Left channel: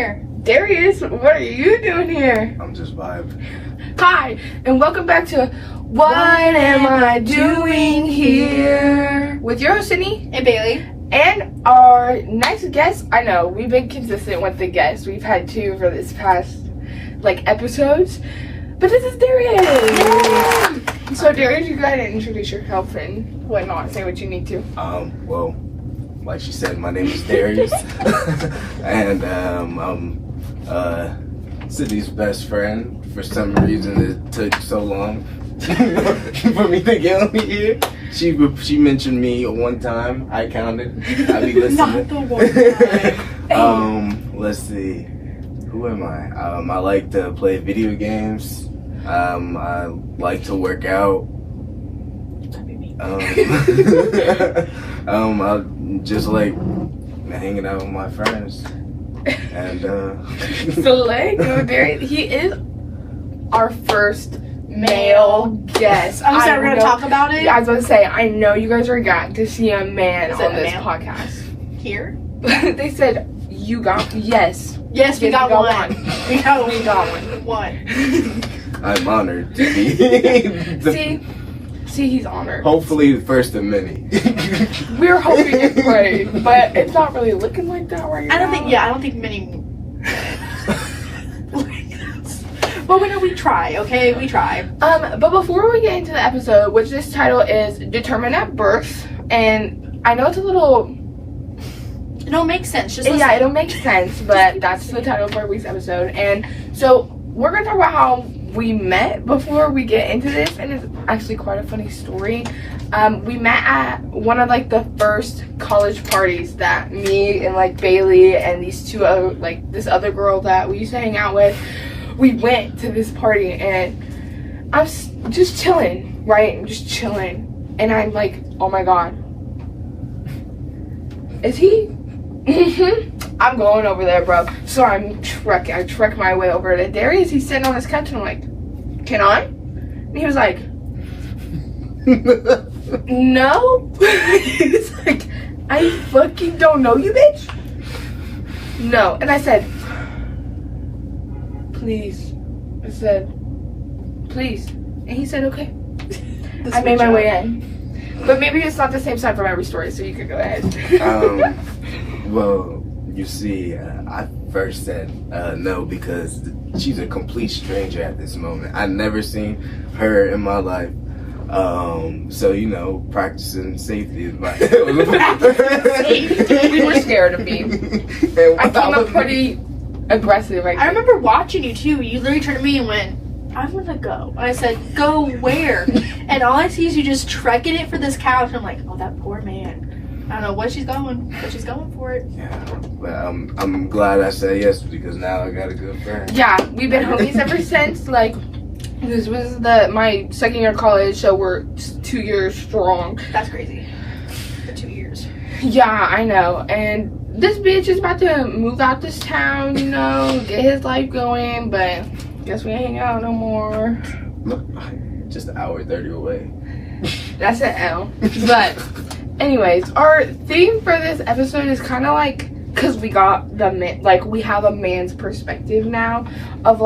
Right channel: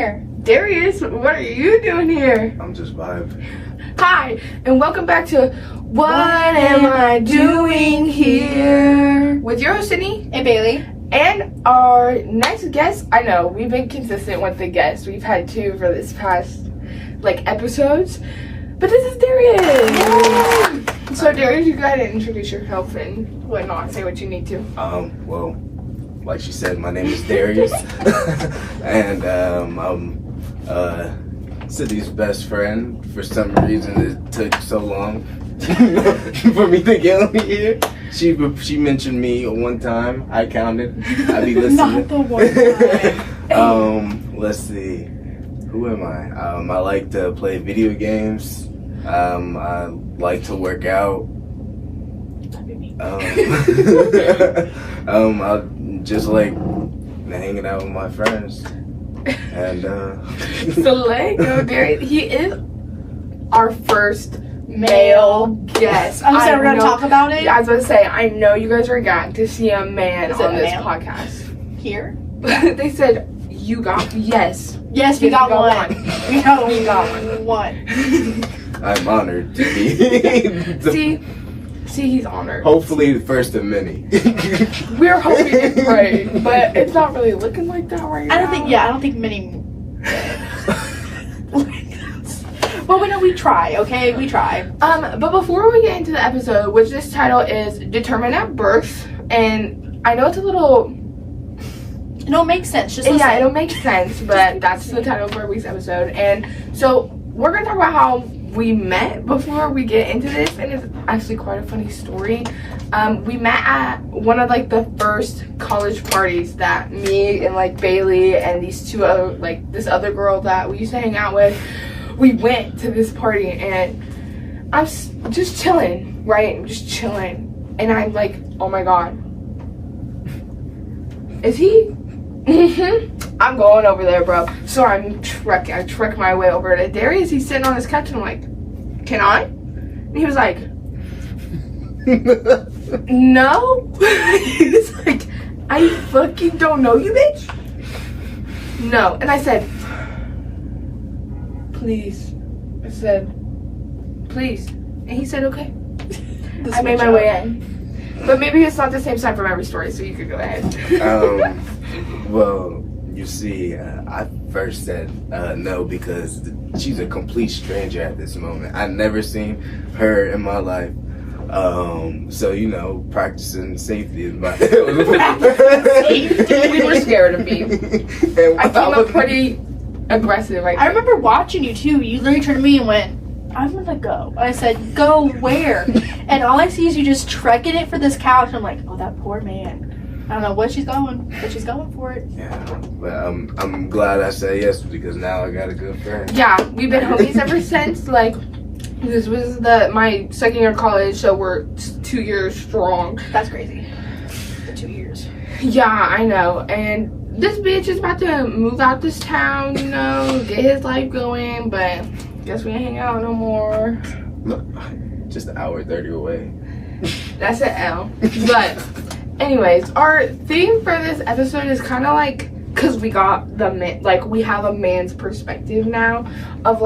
here? Darius, what are you doing here? I'm just vibing. Hi, and welcome back to What Am I Doing Here? With your host, Sydney. And Bailey. And our next guest, I know, we've been consistent with the guests. We've had two for this past, episodes. But this is Darius. Yay! So, Darius, you go ahead and introduce yourself and whatnot. Say what you need to. Well, like she said, my name is Darius. And, I'm, Sydney's best friend. For some reason, it took so long for me to get on here. She mentioned me one time. I counted. I be listening. Not the one time. Let's see. Who am I? I like to play video games. I like to work out. I just like hanging out with my friends. And So Darius, he is our first male guest. Oh, so we're gonna talk about it? I was gonna say, I know you guys are gagged to see a man Is on it a this man? podcast. Here? They said you got Yes, we Yes, got we one. No, we got one. One. I'm honored to be. See, he's honored. Hopefully, the first of many. We're hoping it's great, but it's not really looking like that right now. I don't think many. Well, we try, okay? We try. But before we get into the episode, which this title is Determined at Birth, and I know it's a little... It don't make sense. Just Yeah, listen. it don't make sense, but that's the title of our week's episode. And so we're going to talk about how we met before we get into this, and it's actually quite a funny story. We met at one of the first college parties that me and Bailey and these two other this other girl that we used to hang out with. We went to this party and I'm just chilling, right? I'm just chilling, and I'm like, oh my god, is he? I'm going over there, bro. So I trek my way over to Darius. He's sitting on his couch and I'm like, can I? And he was like, no. He's like, I fucking don't know you, bitch. No. And I said, please. I said, please. And he said, okay. I made my way in. But maybe it's not the same side from every story, so you could go ahead. Well, you see, I first said no because she's a complete stranger at this moment. I've never seen her in my life. So, practicing safety is my... We were scared of me. I came up pretty aggressive, I remember watching you too. You literally turned to me and went, I'm gonna go. And I said, go where? And all I see is you just trekking it for this couch. I'm like, oh, that poor man. I don't know what she's going, but she's going for it. Yeah, but I'm glad I said yes because now I got a good friend. Yeah, we've been homies ever since. This was my second year of college, so we're 2 years strong. That's crazy. For 2 years. Yeah, I know. And this bitch is about to move out this town, get his life going, but guess we ain't hanging out no more. Just an hour 30 away. That's an L. But anyways, our theme for this episode is kind of because we got we have a man's perspective now of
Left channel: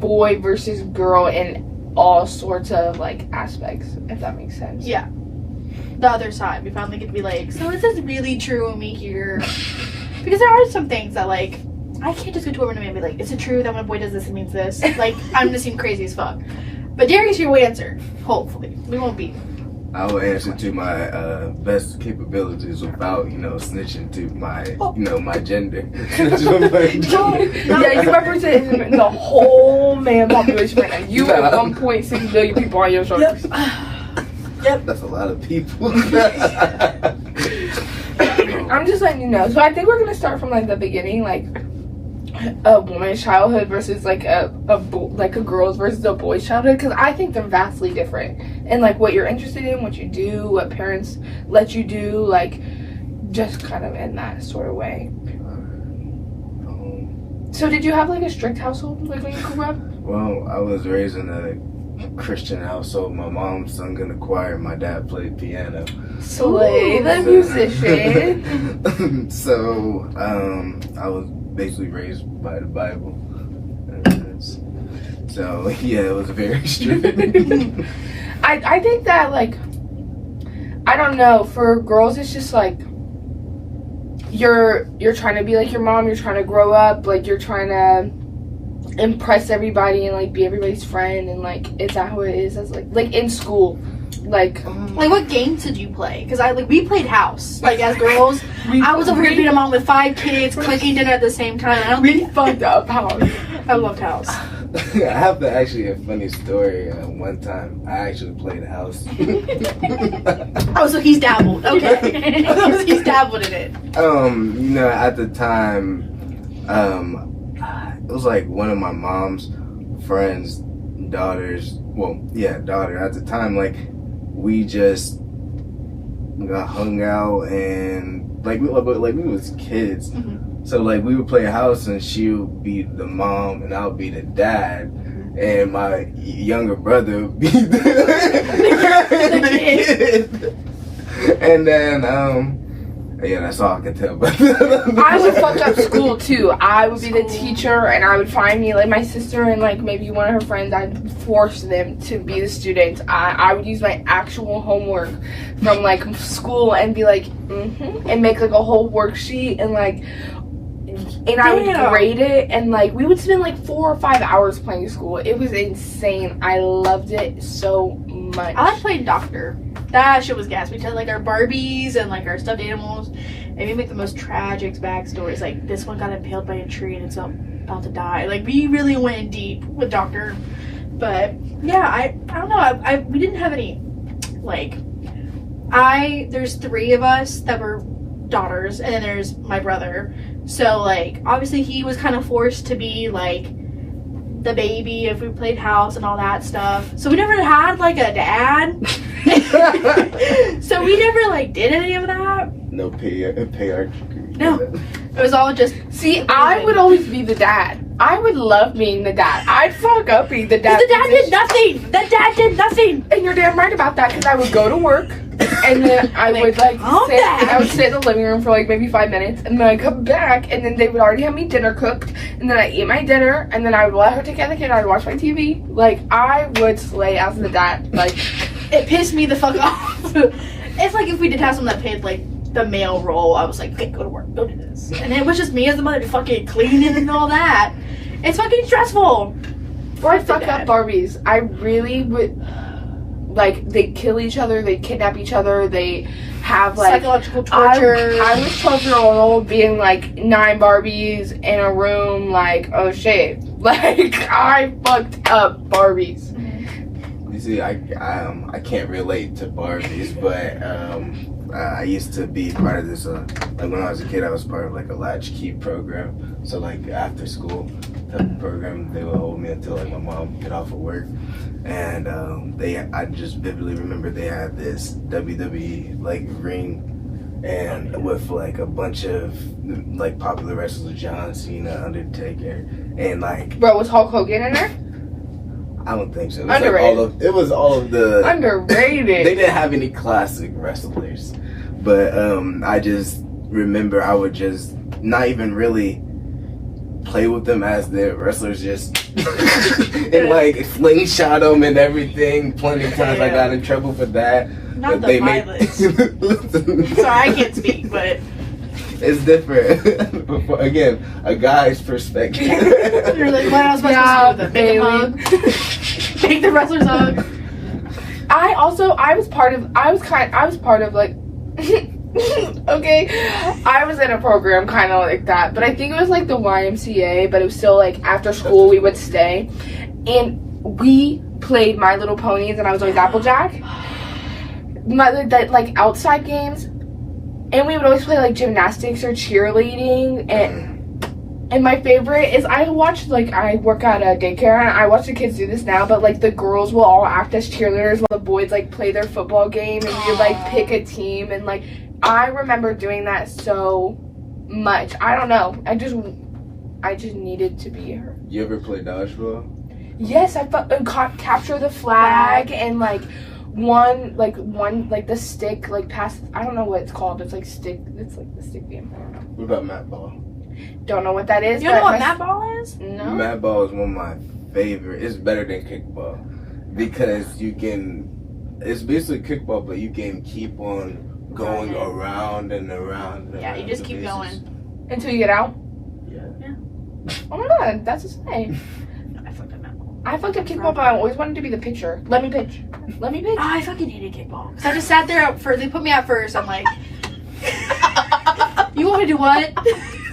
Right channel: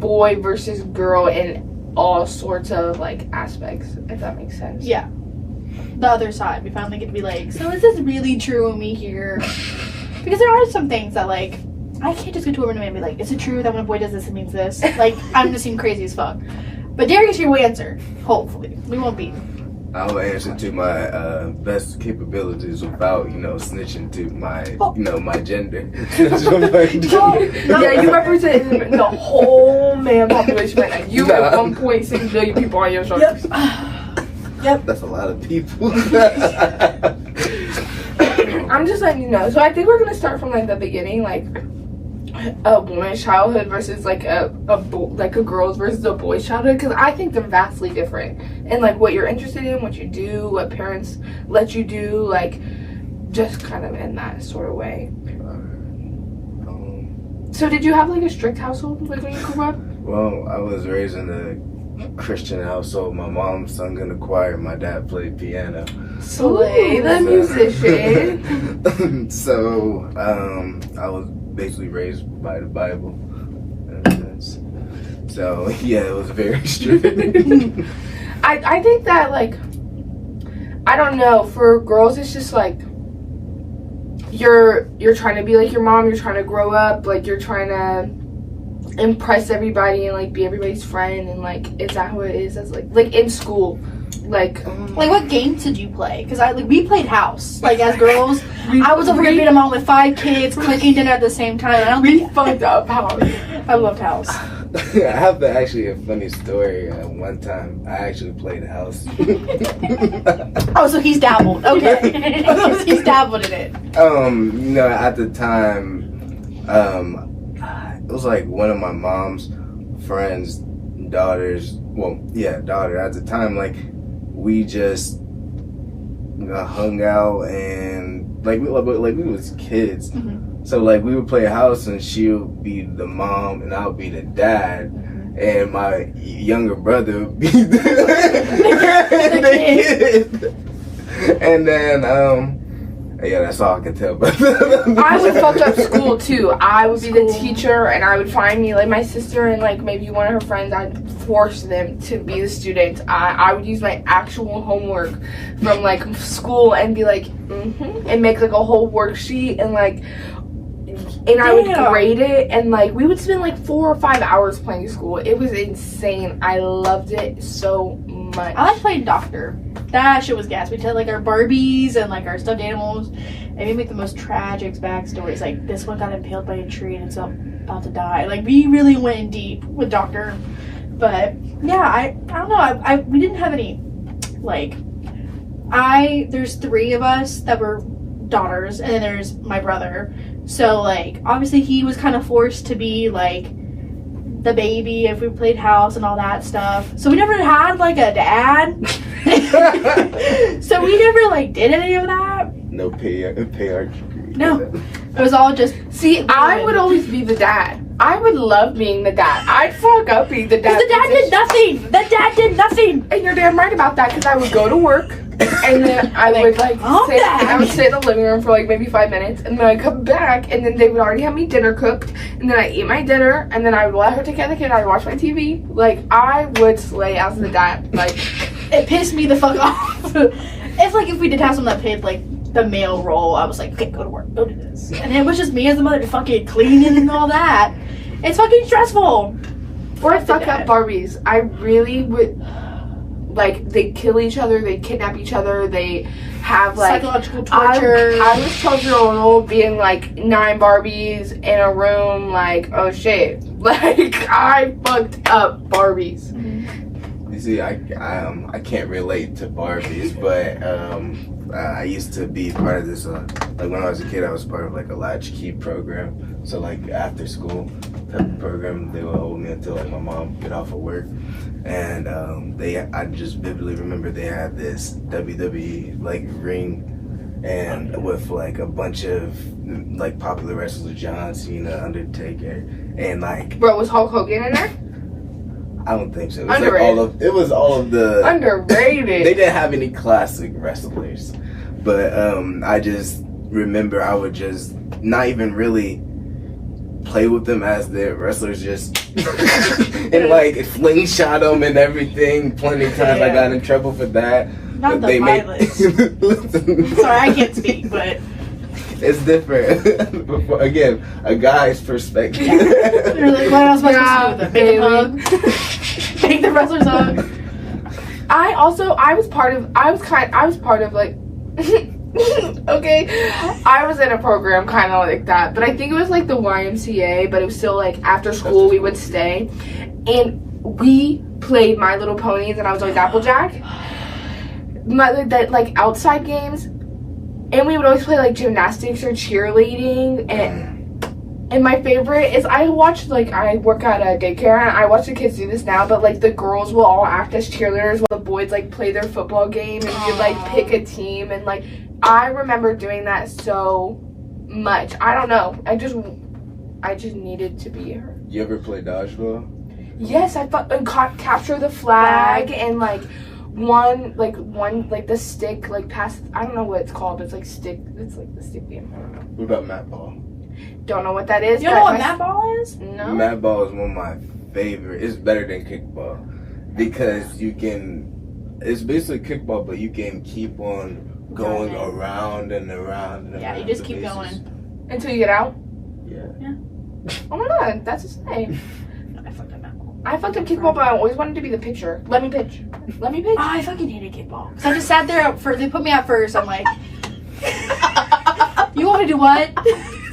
boy versus girl in all sorts of aspects, if that makes sense. Yeah. The other side. We finally get to be so is this really true of me here? Because there are some things that I can't just go to a woman and be is it true that when a boy does this it means this? I'm just seem crazy as fuck. But Darius, you will answer. Hopefully. We won't be. I will answer to my best capabilities without, snitching to my, my gender. Yeah, you represent the whole man population right now. You have 1.6 billion people on your shoulders. Yep. That's a lot of people. I'm just letting you know. So I think we're gonna start from the beginning, a woman's childhood versus a girl's versus a boy's childhood, because I think they're vastly different. And what you're interested in, what you do, what parents let you do, just kind of in that sort of way. So did you have a strict household when you grew up? Well, I was raised in Christian household. My mom sung in the choir. My dad played piano. Slay the musician. So I was basically raised by the Bible. So yeah, it was very strict. I think that, like, I don't know, for girls it's just like you're trying to be like your mom, you're trying to grow up, like you're trying to impress everybody and like be everybody's friend, and like is that who it is as like in school, like what games did you play? Because we played house, like as girls. I was over here being a mom with 5 kids, cooking dinner at the same time. We fucked up house. I loved house. I have actually a funny story. One time I actually played house. Oh, so he's dabbled. Okay. He's dabbled in it. At the time, it was like one of my mom's friends' daughters. Daughter. At the time, like we just hung out and like we was kids. Mm-hmm. So like we would play house and she would be the mom and I would be the dad, and my younger brother would be the kid. And then that's all I can tell. But I would fuck up school too. I would be the teacher and I would find me like my sister and like maybe one of her friends. I'd force them to be the student. I would use my actual homework from like school and be like and make like a whole worksheet and like. And I would grade it, and like we would spend like 4 or 5 hours playing school. It was insane. I loved it so much. I like playing doctor. That shit was gas. We'd take like our Barbies and like our stuffed animals, and we'd make the most tragic backstories. Like this one got impaled by a tree and it's about to die. Like we really went in deep with doctor. But yeah, I don't know. We didn't have any like. There's 3 of us that were daughters, and then there's my brother. So, like, obviously he was kind of forced to be, like, the baby if we played house and all that stuff. So we never had, like, a dad. So we never, like, did any of that. No patriarchy. No. It was all just... See, I would always be the dad. I would love being the dad. I'd fuck up being the dad. The dad did nothing. The dad did nothing. And you're damn right about that, because I would go to work. And then I would sit in the living room for like maybe 5 minutes, and then I'd come back, and then they would already have me dinner cooked, and then I'd eat my dinner, and then I would let her take care of the kid. I'd watch my TV. Like I would slay as the dad. Like it pissed me the fuck off. It's like if we did have someone that played like the male role, I was like, okay, go to work, go do this, and it was just me as the mother to fucking clean and all that. It's fucking stressful. Or I fuck up Barbies. I really would. Like, they kill each other, they kidnap each other, they have, like... psychological torture. I was 12-year-old being, like, 9 Barbies in a room, like, oh, shit. Like, I fucked up Barbies. You see, I can't relate to Barbies, but, I used to be part of this, like, when I was a kid, I was part of, like, a latchkey program. So, like, after school type of program, they would hold me until, like, my mom get off of work. And I just vividly remember they had this WWE like ring, and with like a bunch of like popular wrestlers, John Cena, Undertaker, and like. Bro, was Hulk Hogan in there? I don't think so. Underrated. It was all of the underrated. They didn't have any classic wrestlers, but I just remember I would just not even really play with them as the wrestlers, just and like slingshot them and everything. Plenty of times I got in trouble for that. Not the violence. Sorry, I can't speak, but it's different. Again, a guy's perspective. You're like, what else am I supposed to do with them? Take the wrestlers hug. I was part of like okay, I was in a program kind of like that, but I think it was like the YMCA, but it was still like after school we would stay, and we played My Little Ponies, and I was like Applejack, like outside games, and we would always play like gymnastics or cheerleading, and my favorite is I work at a daycare, and I watch the kids do this now, but like the girls will all act as cheerleaders while the boys like play their football game, and you like pick a team, and like I remember doing that so much. I don't know. I just needed to be her. You ever play dodgeball? Yes, I thought capture the flag and like one the stick like past. I don't know what it's called. But it's like stick. It's like the stick game. I don't know. What about mat ball? Don't know what that is. You don't know what mat ball is? No. Mat ball is one of my favorite. It's better than kickball because you can. It's basically kickball, but you can keep on going around and around. And Yeah, around you just the keep bases. going. Until you get out. Yeah. Oh my god, that's insane. I fucked up mat ball. I fucked up kickball, but I always wanted to be the pitcher. Let me pitch. Let me pitch. Oh, I fucking hated kickball. So I just sat there first. They put me out first. I'm like, you want to do what?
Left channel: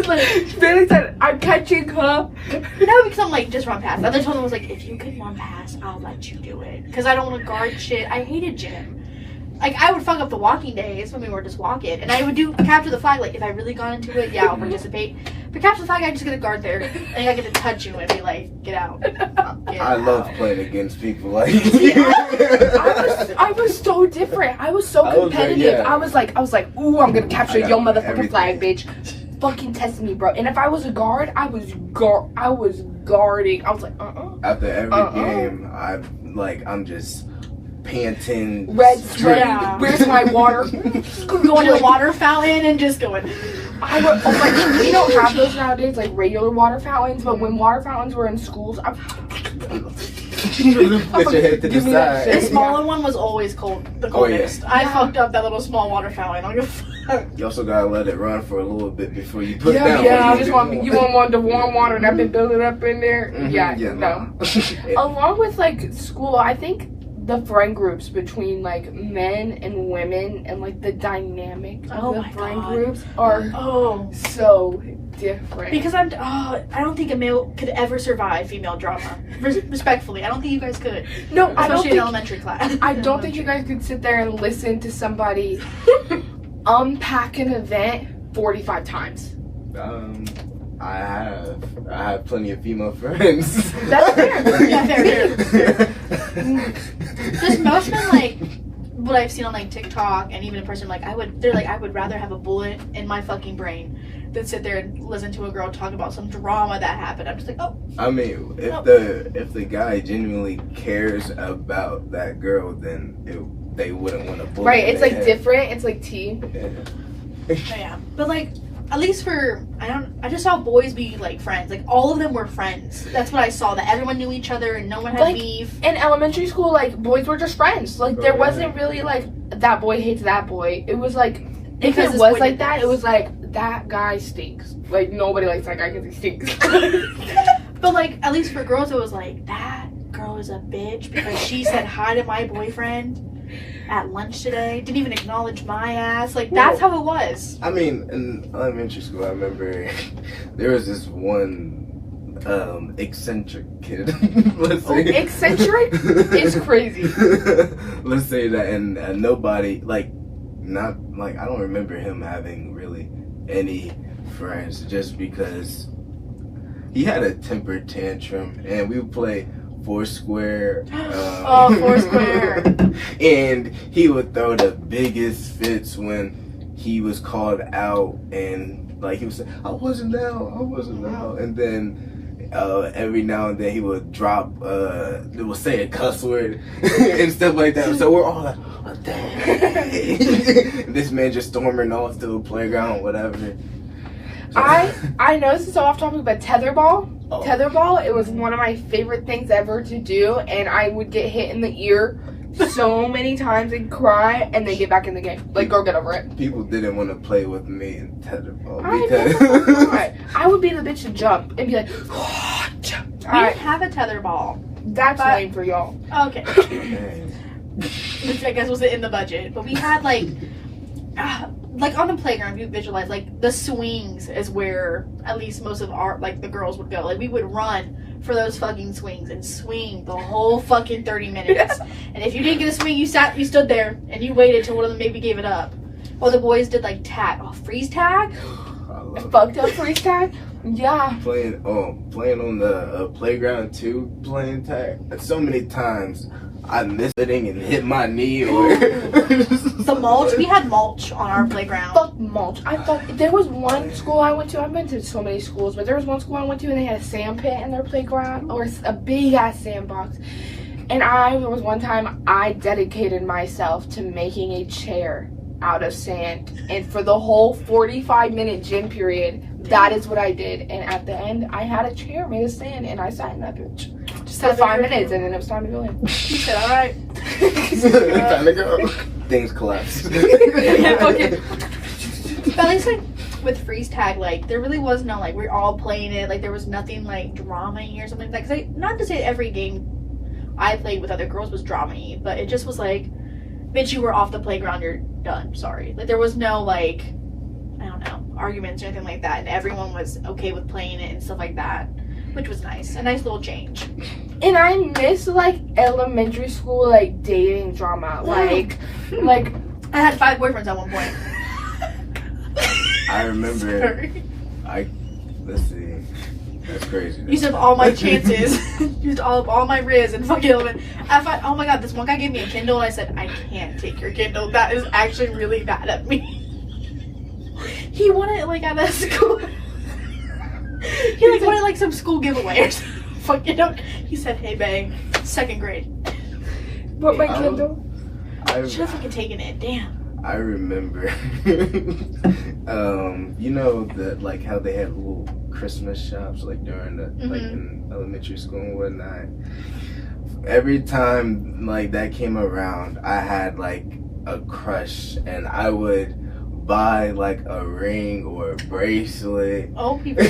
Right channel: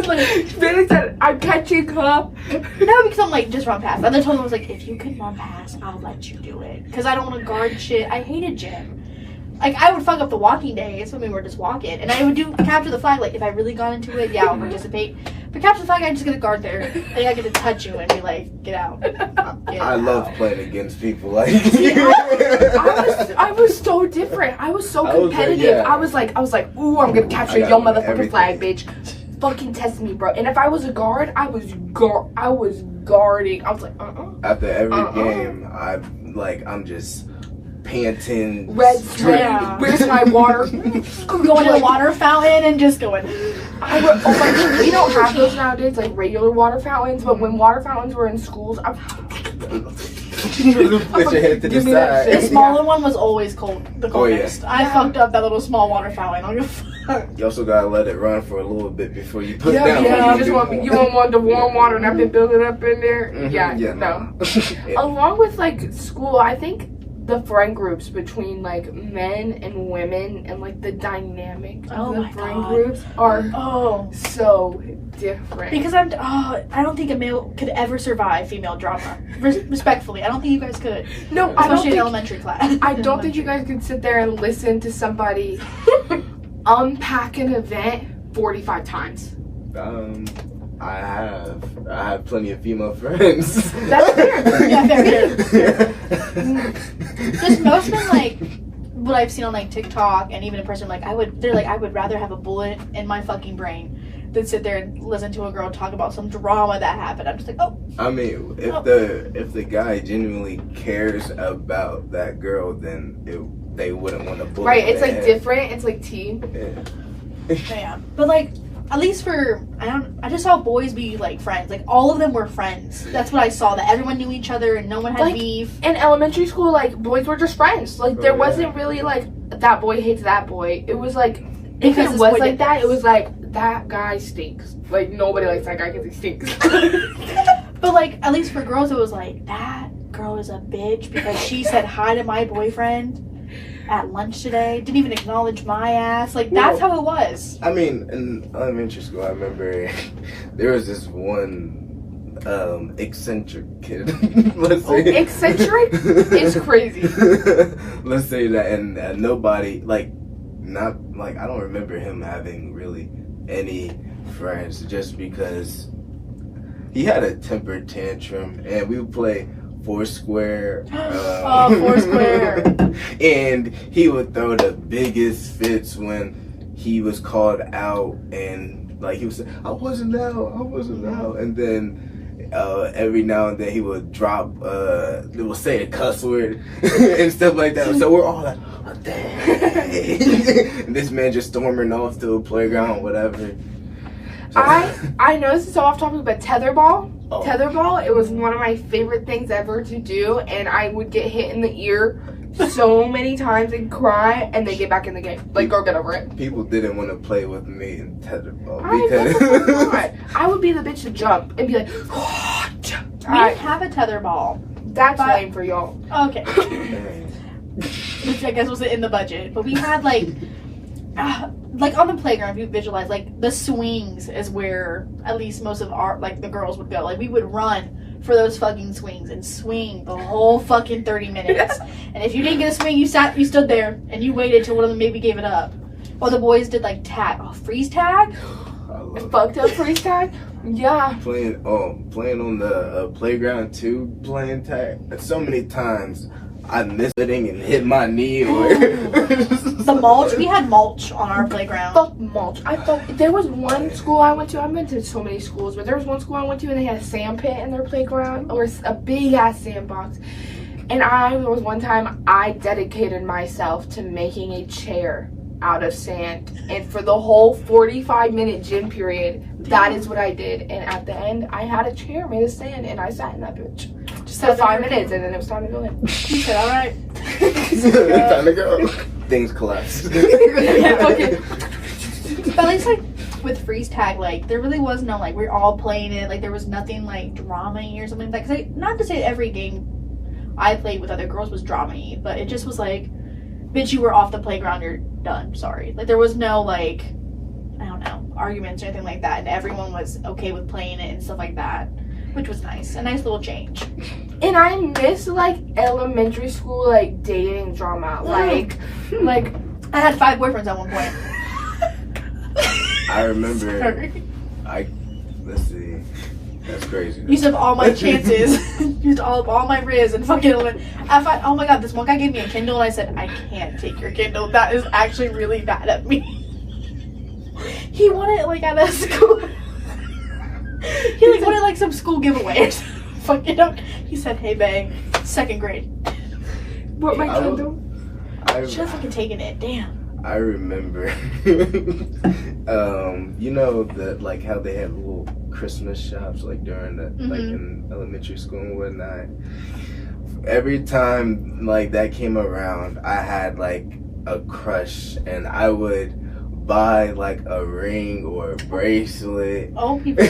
Like, Then I said, I'm catching up. no, because I'm like, just run past. The other one was like, if you can run past, I'll let you do it. Because I don't want to guard shit. I hated gym. Like, I would fuck up the walking days when we were just walking. And I would do capture the flag. Like, if I really got into it, yeah, I'll participate. But capture the flag, I'm just going to guard there. And I get to touch you and be like, get out. Get I love out. playing against people like I was so different. I was so I was like, competitive. yeah. I was like, ooh, I'm gonna capture I got your motherfucking everything. flag, bitch. Fucking test me, bro. And if I was a guard, I was guarding. I was like, after every Uh-uh. game, I'm just panting, red sweat. Yeah. Where's my water? Going to the water fountain and just going. I would, oh my, we don't have those nowadays, like regular water fountains. But when water fountains were in schools, I Put your head to the Give me that The shit. side. smaller one was always cold. The Oh, yeah. coldest. I fucked up that little small water fountain. I'm gonna You also gotta let it run for a little bit before you put yeah, down. yeah. what You just do. want the warm water and I've been building up in there. Mhm, Yeah, no. Along with like school, I think the friend groups between like men and women and like the dynamic of Oh the my friend God. groups are Oh. so different. Because I don't think a male could ever survive female drama. Respectfully, I don't think you guys could. no, I don't Especially in think elementary class. I don't think you guys could sit there and listen to somebody unpack an event 45 times. I have plenty of female friends. That's fair. Yeah, fair. Just most men, like, what I've seen on like TikTok and even in person, like I would rather have a bullet in my fucking brain than sit there and listen to a girl talk about some drama that happened. I'm just like, oh. I mean, if the guy genuinely cares about that girl, then they wouldn't want to bully. Right, it's their like head. different. It's like tea. Yeah. But like, at least for I just saw boys be like friends. Like all of them were friends. That's what I saw. That everyone knew each other and no one had Like, beef. In elementary school, like boys were just friends. Like there Oh, yeah. wasn't really like that boy hates that boy. It was like if Because it this was boy like did that, this. it was like that guy stinks. Like nobody likes that guy because he stinks. But like, at least for girls, it was like that girl is a bitch because she said hi to my boyfriend at lunch today. Didn't even acknowledge my ass. Like that's how it was. I mean, in elementary school, I remember there was this one eccentric kid. Let's say Eccentric is crazy. Let's say that, and nobody not I don't remember him having really any friends, just because he had a temper tantrum, and we would play Foursquare. Foursquare. And he would throw the biggest fits when he was called out, and like he would say, I wasn't out, and then every now and then he would drop he would say a cuss word and stuff like that. So we're all like, oh, dang. This man just storming off to a playground, whatever. I know this is so off topic, but tetherball. Oh. Tetherball, it was one of my favorite things ever to do, and I would get hit in the ear so many times and cry, and then get back in the game. Like, girl, get over it. People didn't want to play with me in tetherball I would be the bitch to jump and be like, We Alright, didn't have a tether ball. that's But- lame for y'all. Okay. Which I guess was in the budget. But we had like on the playground, if you visualize, like the swings is where at least most of our, like the girls would go. Like we would run for those fucking swings and swing the whole fucking 30 minutes. And if you didn't get a swing, you stood there and you waited till one of them maybe gave it up. Or the boys did like tag. Oh, freeze tag? Fucked up freeze tag? Yeah. Playing on the playground too, playing tag. So many times I missed hitting and hit my knee or The mulch. We had mulch on our playground. Fuck mulch. I thought there was one school I went to. I've been to so many schools, but there was one school I went to and they had a sand pit in their playground, or a big ass sandbox. And there was one time I dedicated myself to making a chair out of sand, and for the whole 45-minute gym period, that is what I did. And at the end, I had a chair made of sand, and I sat in that bitch just for 5 minutes, and then it was time to go in. He said, "All right." Time to go. Things collapse. Okay. But at least like with freeze tag, like there really was no like we're all playing it. Like there was nothing like drama-y or something like that. Cause like, not to say every game I played with other girls was drama-y, but it just was like, bitch, you were off the playground, you're done. Sorry. Like there was no like, I don't know, arguments or anything like that, and everyone was okay with playing it and stuff like that, which was nice. A nice little change. And I miss like elementary school like dating drama. Like I had 5 boyfriends at one point. I remember. Sorry. Let's see. That's crazy. Used up all my chances. Used all my riz and fucking element. Oh my god, this one guy gave me a Kindle and I said, I can't take your Kindle. That is actually really bad at me. He wanted like at a school. He like wanted like some school giveaway or something. Fucking out. He said, hey bang, 2nd grade. What, my Kindle? Should have fucking taken it. Damn. I remember. You know that like how they had little Christmas shops like during the like in elementary school and whatnot. Every time like that came around, I had like a crush, and I would buy like a ring or a bracelet. Oh, people.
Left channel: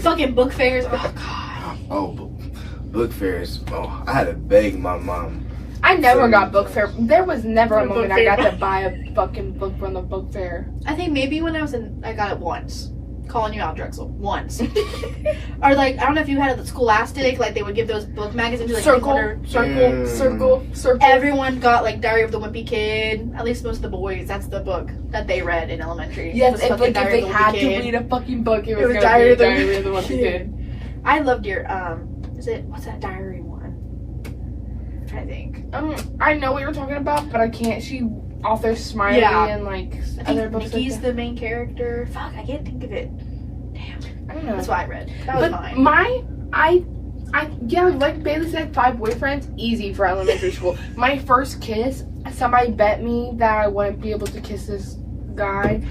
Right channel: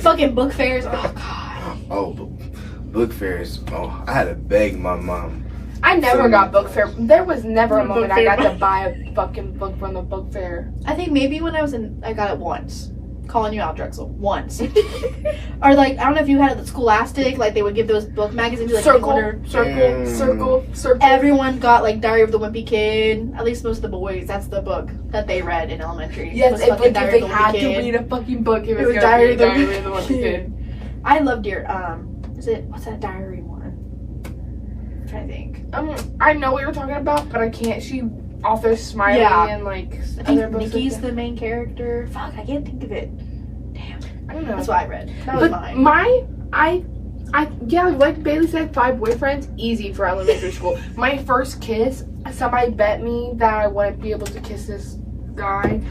Fucking book fairs. Oh god. Oh, book fairs. Oh, I had to beg my mom. I never got book fair. There was never a moment I got to buy a fucking book from the book fair. I think maybe when I got it once. Calling you out, Drexel. Once. Or like, I don't know if you had it at Scholastic, like they would give those book magazines like circle. Everyone got like Diary of the Wimpy Kid. At least most of the boys. That's the book that they read in elementary. Yes, if they had to read a fucking book, it was Diary of the Wimpy Kid. I loved your what's that diary one? I'm trying to think. I know what you're talking about, but I can't. She author Smiley and like other books. Nikki's like the main character. Fuck, I can't think of it. Damn. I don't know. That's what I read. That was but mine. Like Bailey said, 5 boyfriends, easy for elementary school. My first kiss, somebody bet me that I wouldn't be able to kiss this guy.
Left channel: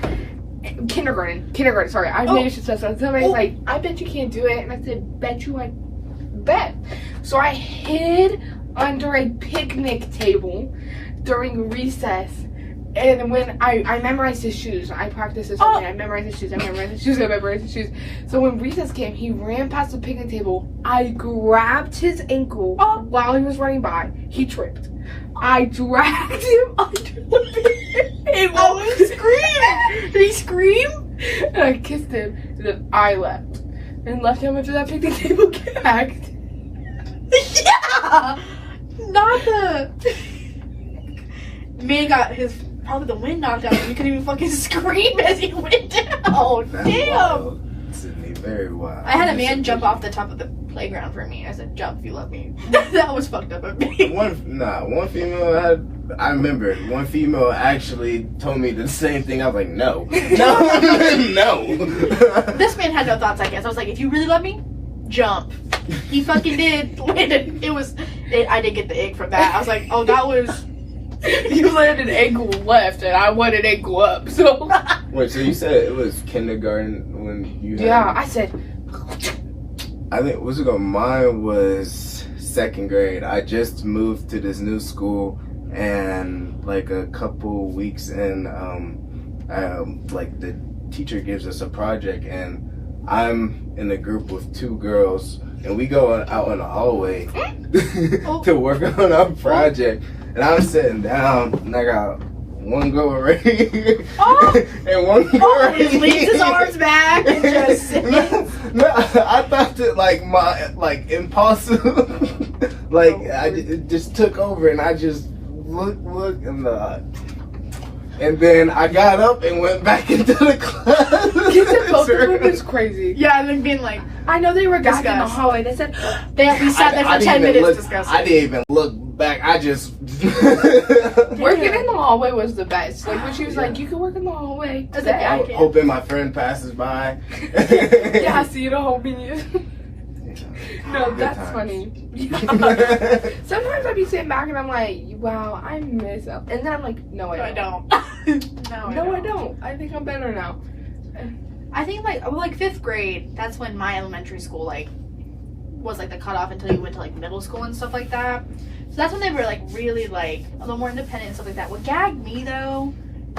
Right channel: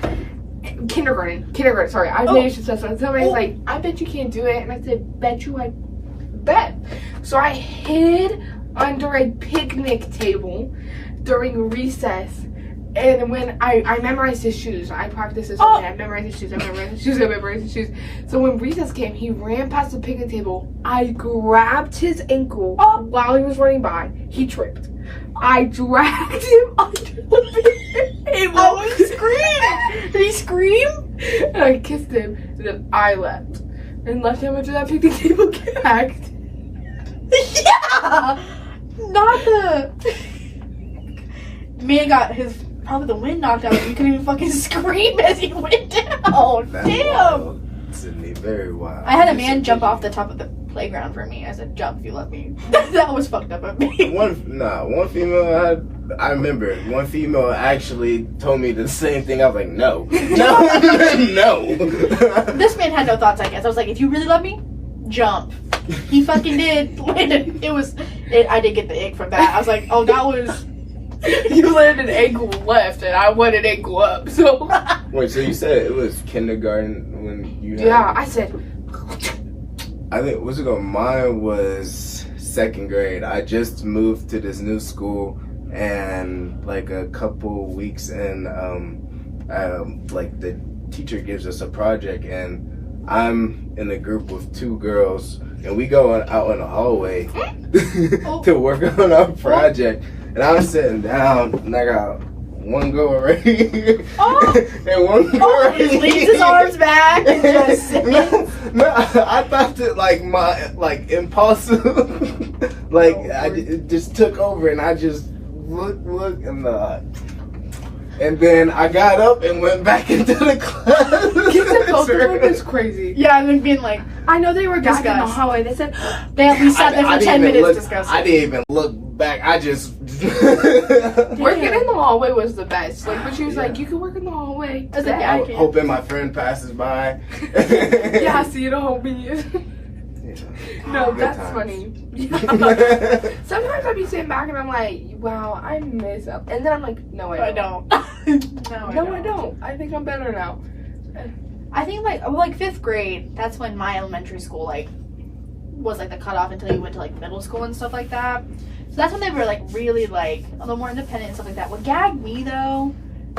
Kindergarten, sorry. I maybe should say something. Somebody's like, I bet you can't do it. And I said, bet you I bet. So I hid under a picnic table during recess. And when I memorized his shoes, I practiced this whole day. I memorized his shoes. So when recess came, he ran past the picnic table. I grabbed his ankle while he was running by. He tripped. I dragged him under the picnic table. Oh, he screamed! Did he scream? And I kissed him. And then I left. And left him under that picnic table gagged. Yeah! Not the... Man got probably the wind knocked out. He couldn't even fucking scream as he went down. That's Damn. wild. Sydney, very wild. I had a man jump off the top of the playground for me. I said, jump if you love me. That was fucked up of me. One female I remember one female actually told me the same thing. I was like, no. No. This man had no thoughts, I guess. I was like, if you really love me, jump. He fucking did. I did get the egg from that. I was like, oh, that was... You landed ankle left and I wanted ankle up, so... Wait, so you said it was kindergarten when you had... Yeah, I said... I think, what's it called? Mine was 2nd grade. I just moved to this new school, and like a couple weeks in, like the teacher gives us a project, and I'm in a group with 2 girls, and we go out in the hallway to work on our project. And I was sitting down, and I got one girl already, and one girl already. He leans his arms back and just no, I thought that like my impulsive, it just took over, and I just look, and And then I got up and went back into the class. Both of them is crazy. Yeah, and like being like, I know they were gagged in the Discuss. hallway. They said, they at least sat there for 10 minutes discussing. I didn't even look back. I just. working in the hallway was the best. Like when she was like, you can work in the hallway. I was like, yeah, I can. Hoping my friend passes by. Yeah, see you hoping you. No, Good that's times. funny. Yeah. Sometimes I'd be sitting back and I'm like, wow, I miss up. And then I'm like, no, I don't. No, I don't. I think I'm better now. I think like 5th grade, that's when my elementary school like was like the cutoff until you went to like middle school and stuff like that. So that's when they were like really like a little more independent and stuff like that. What gagged me though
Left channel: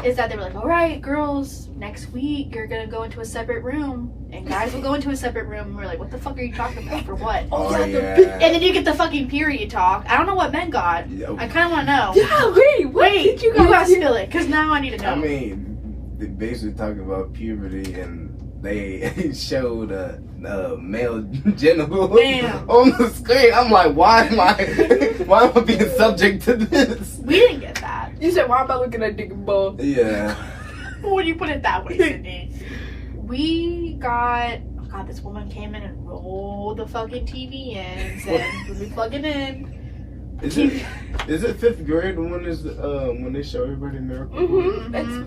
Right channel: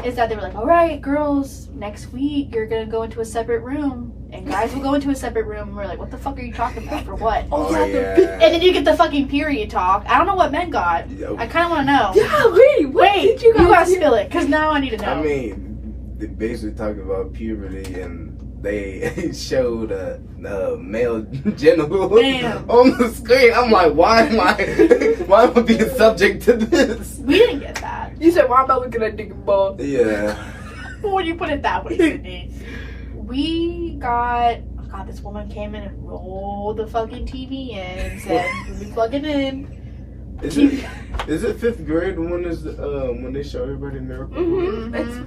is that they were like, all right, girls, next week you're gonna go into a separate room and guys will go into a separate room. And we're like, what the fuck are you talking about? For what? Oh, yeah. And then you get the fucking period talk. I don't know what men got. I kind of want to know. Yeah, wait, You gotta spill it, because now I need to know. I mean, they basically talking about puberty and they showed a male genital Damn. on the screen. I'm like, why am I being subject to this? We didn't get that. You said, why am I looking at dick and balls? Yeah. When you put it that way, Sydney. We got, oh god, this woman came in and rolled the fucking TV in and said, when we plug it in. Is it 5th grade when they show everybody Miracle? Mm-hmm.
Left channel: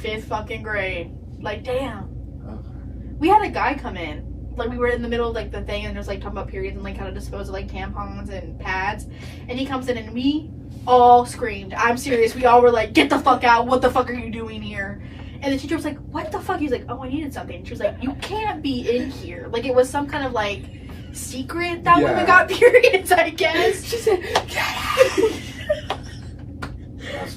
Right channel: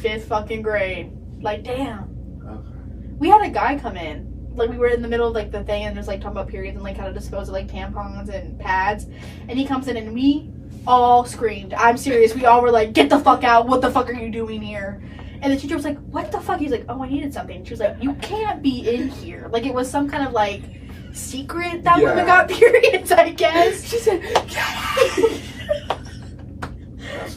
5th fucking grade. Like, damn. Okay. We had a guy come in. Like, we were in the middle of like the thing and there's like talking about periods and like how to dispose of like tampons and pads. And he comes in and we all screamed. I'm serious. We all were like, get the fuck out. What the fuck are you doing here? And the teacher was like, what the fuck? He was like, oh, I needed something. She was like, you can't be in here. Like, it was some kind of like secret that women got periods, I guess. She said,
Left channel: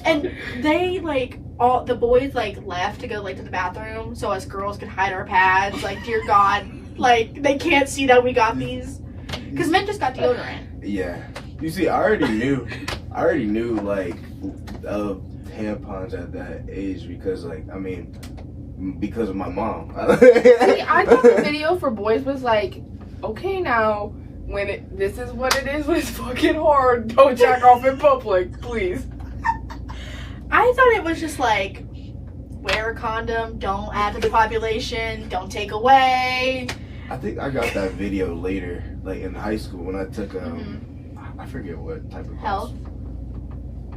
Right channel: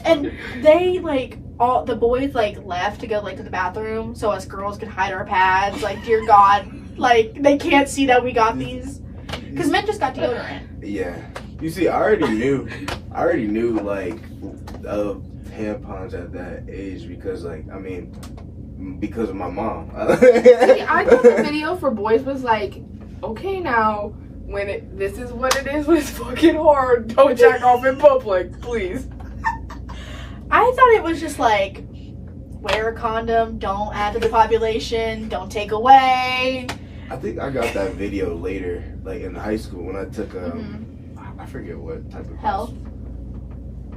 and they like all the boys like left to go like to the bathroom so us girls could hide our pads. Like, dear God, like they can't see that we got these because men just got deodorant. Yeah. You see, I already knew like of tampons at that age because because of my mom. See, I thought the video for boys was like, okay, now this is what it is. It's fucking hard. Don't jack off in public, please. I thought it was just like, wear a condom, don't add to the population, don't take away. I think I got that video later, like in high school when I took I forget what type of Health.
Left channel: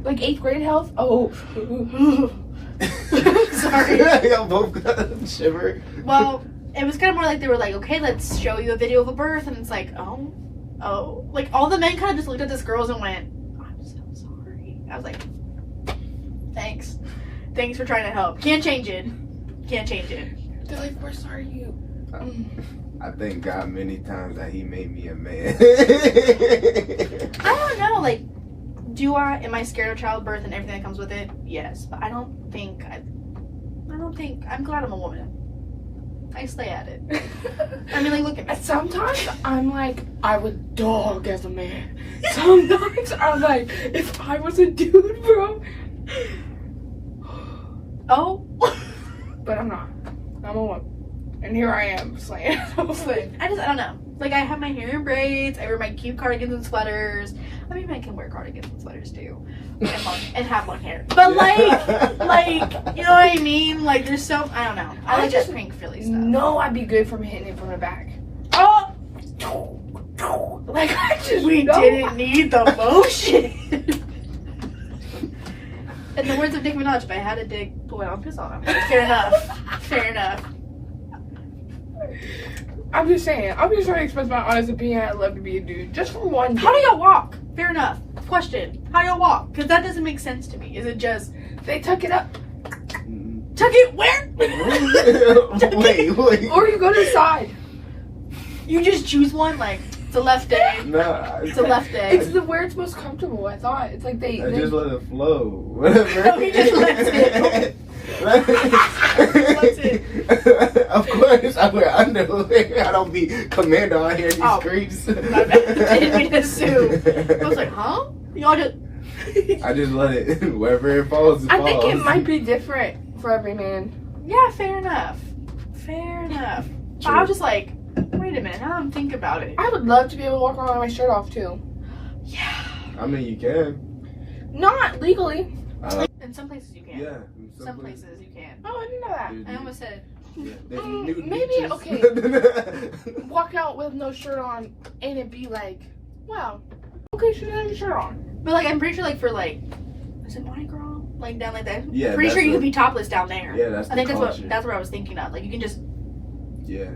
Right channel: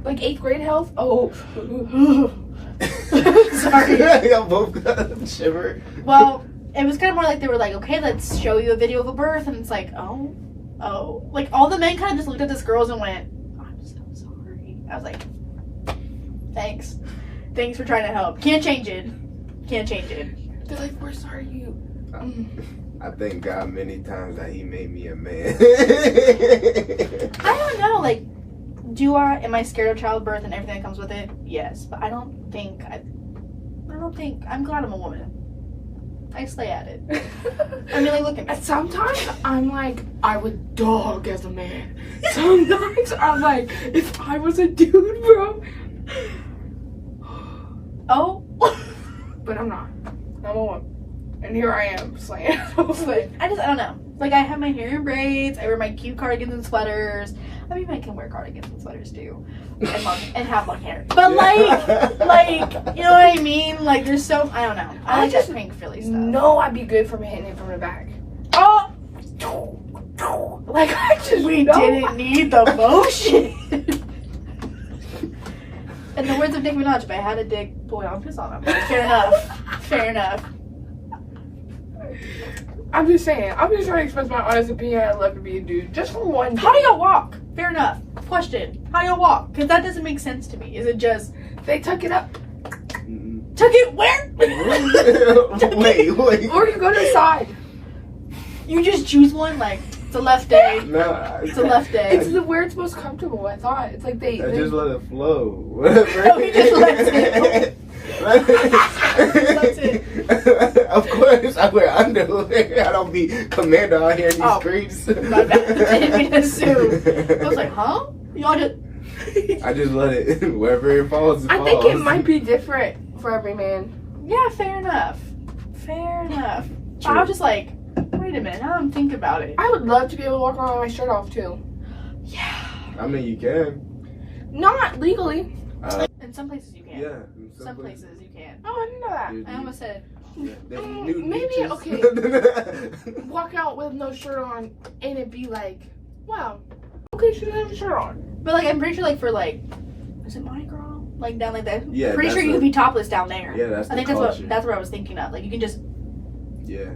Like 8th grade health? Oh. Sorry. Y'all both got shiver. Well, it was kind of more like they were like, okay, let's show you a video of a birth, and it's like, oh, like all the men kind of just looked at this girls and went, I'm so sorry. I was like, thanks for trying to help. Can't change it. They're like, we're sorry you. I thank God many times that He made me a man. I don't know, like, am I scared of childbirth and everything that comes with it? Yes, but I don't think, I'm glad I'm a woman. I slay at it. I mean, like, look at me. Sometimes I'm like, I would dog as a man. Sometimes I'm like, if I was a dude, bro. Oh. But I'm not. I'm a woman. And here I am, slaying. I don't know. Like, I have my hair in braids, I wear my cute cardigans and sweaters. I mean, I can wear cardigans and sweaters too. And have long hair. But like, you know what I mean? Like, there's so, I don't know. I like that pink Philly stuff. No, I'd be good from hitting it from the back. Oh! Like, I just didn't need the motion. In the words of Nicki Minaj, if I had a dick, boy, I'll piss on him. Fair enough. I'm just saying, I'm just trying to express my honest opinion. I'd love to be a dude. Just for one day. How do y'all walk? Fair enough. Question. How do y'all walk? Because that doesn't make sense to me. Is it just, they tuck it up? Tuck it where? Wait. Or you go to the side. You just choose one, like, it's a left day. No. It's a left day. It's where it's most comfortable, I thought. It's like they just let it flow. Whatever. Oh, he just lets it. That's it. Of course, I wear underwear. I don't be commando out here in these streets. My bad. I didn't mean to assume. I was like, huh? Y'all just... I just let it, wherever it falls, I think it might be different for every man. Yeah, fair enough. True. I was just like, wait a minute, now I'm thinking about it. I would love to be able to walk around with my shirt off too. Yeah. I mean, you can. Not legally. In some places you can. Yeah. Some places you can. Oh, I didn't know that. There's I almost said. there's nude Maybe, beaches. okay. Walk out with no shirt on and it'd be like, wow, okay, she doesn't have a shirt on. But like, I'm pretty sure like for like, is it Mardi Gras? Like down like that. Yeah, Pretty that's sure you what- can be topless down there. Yeah, that's I think the that's culture. what I was thinking of. Like you can just. Yeah.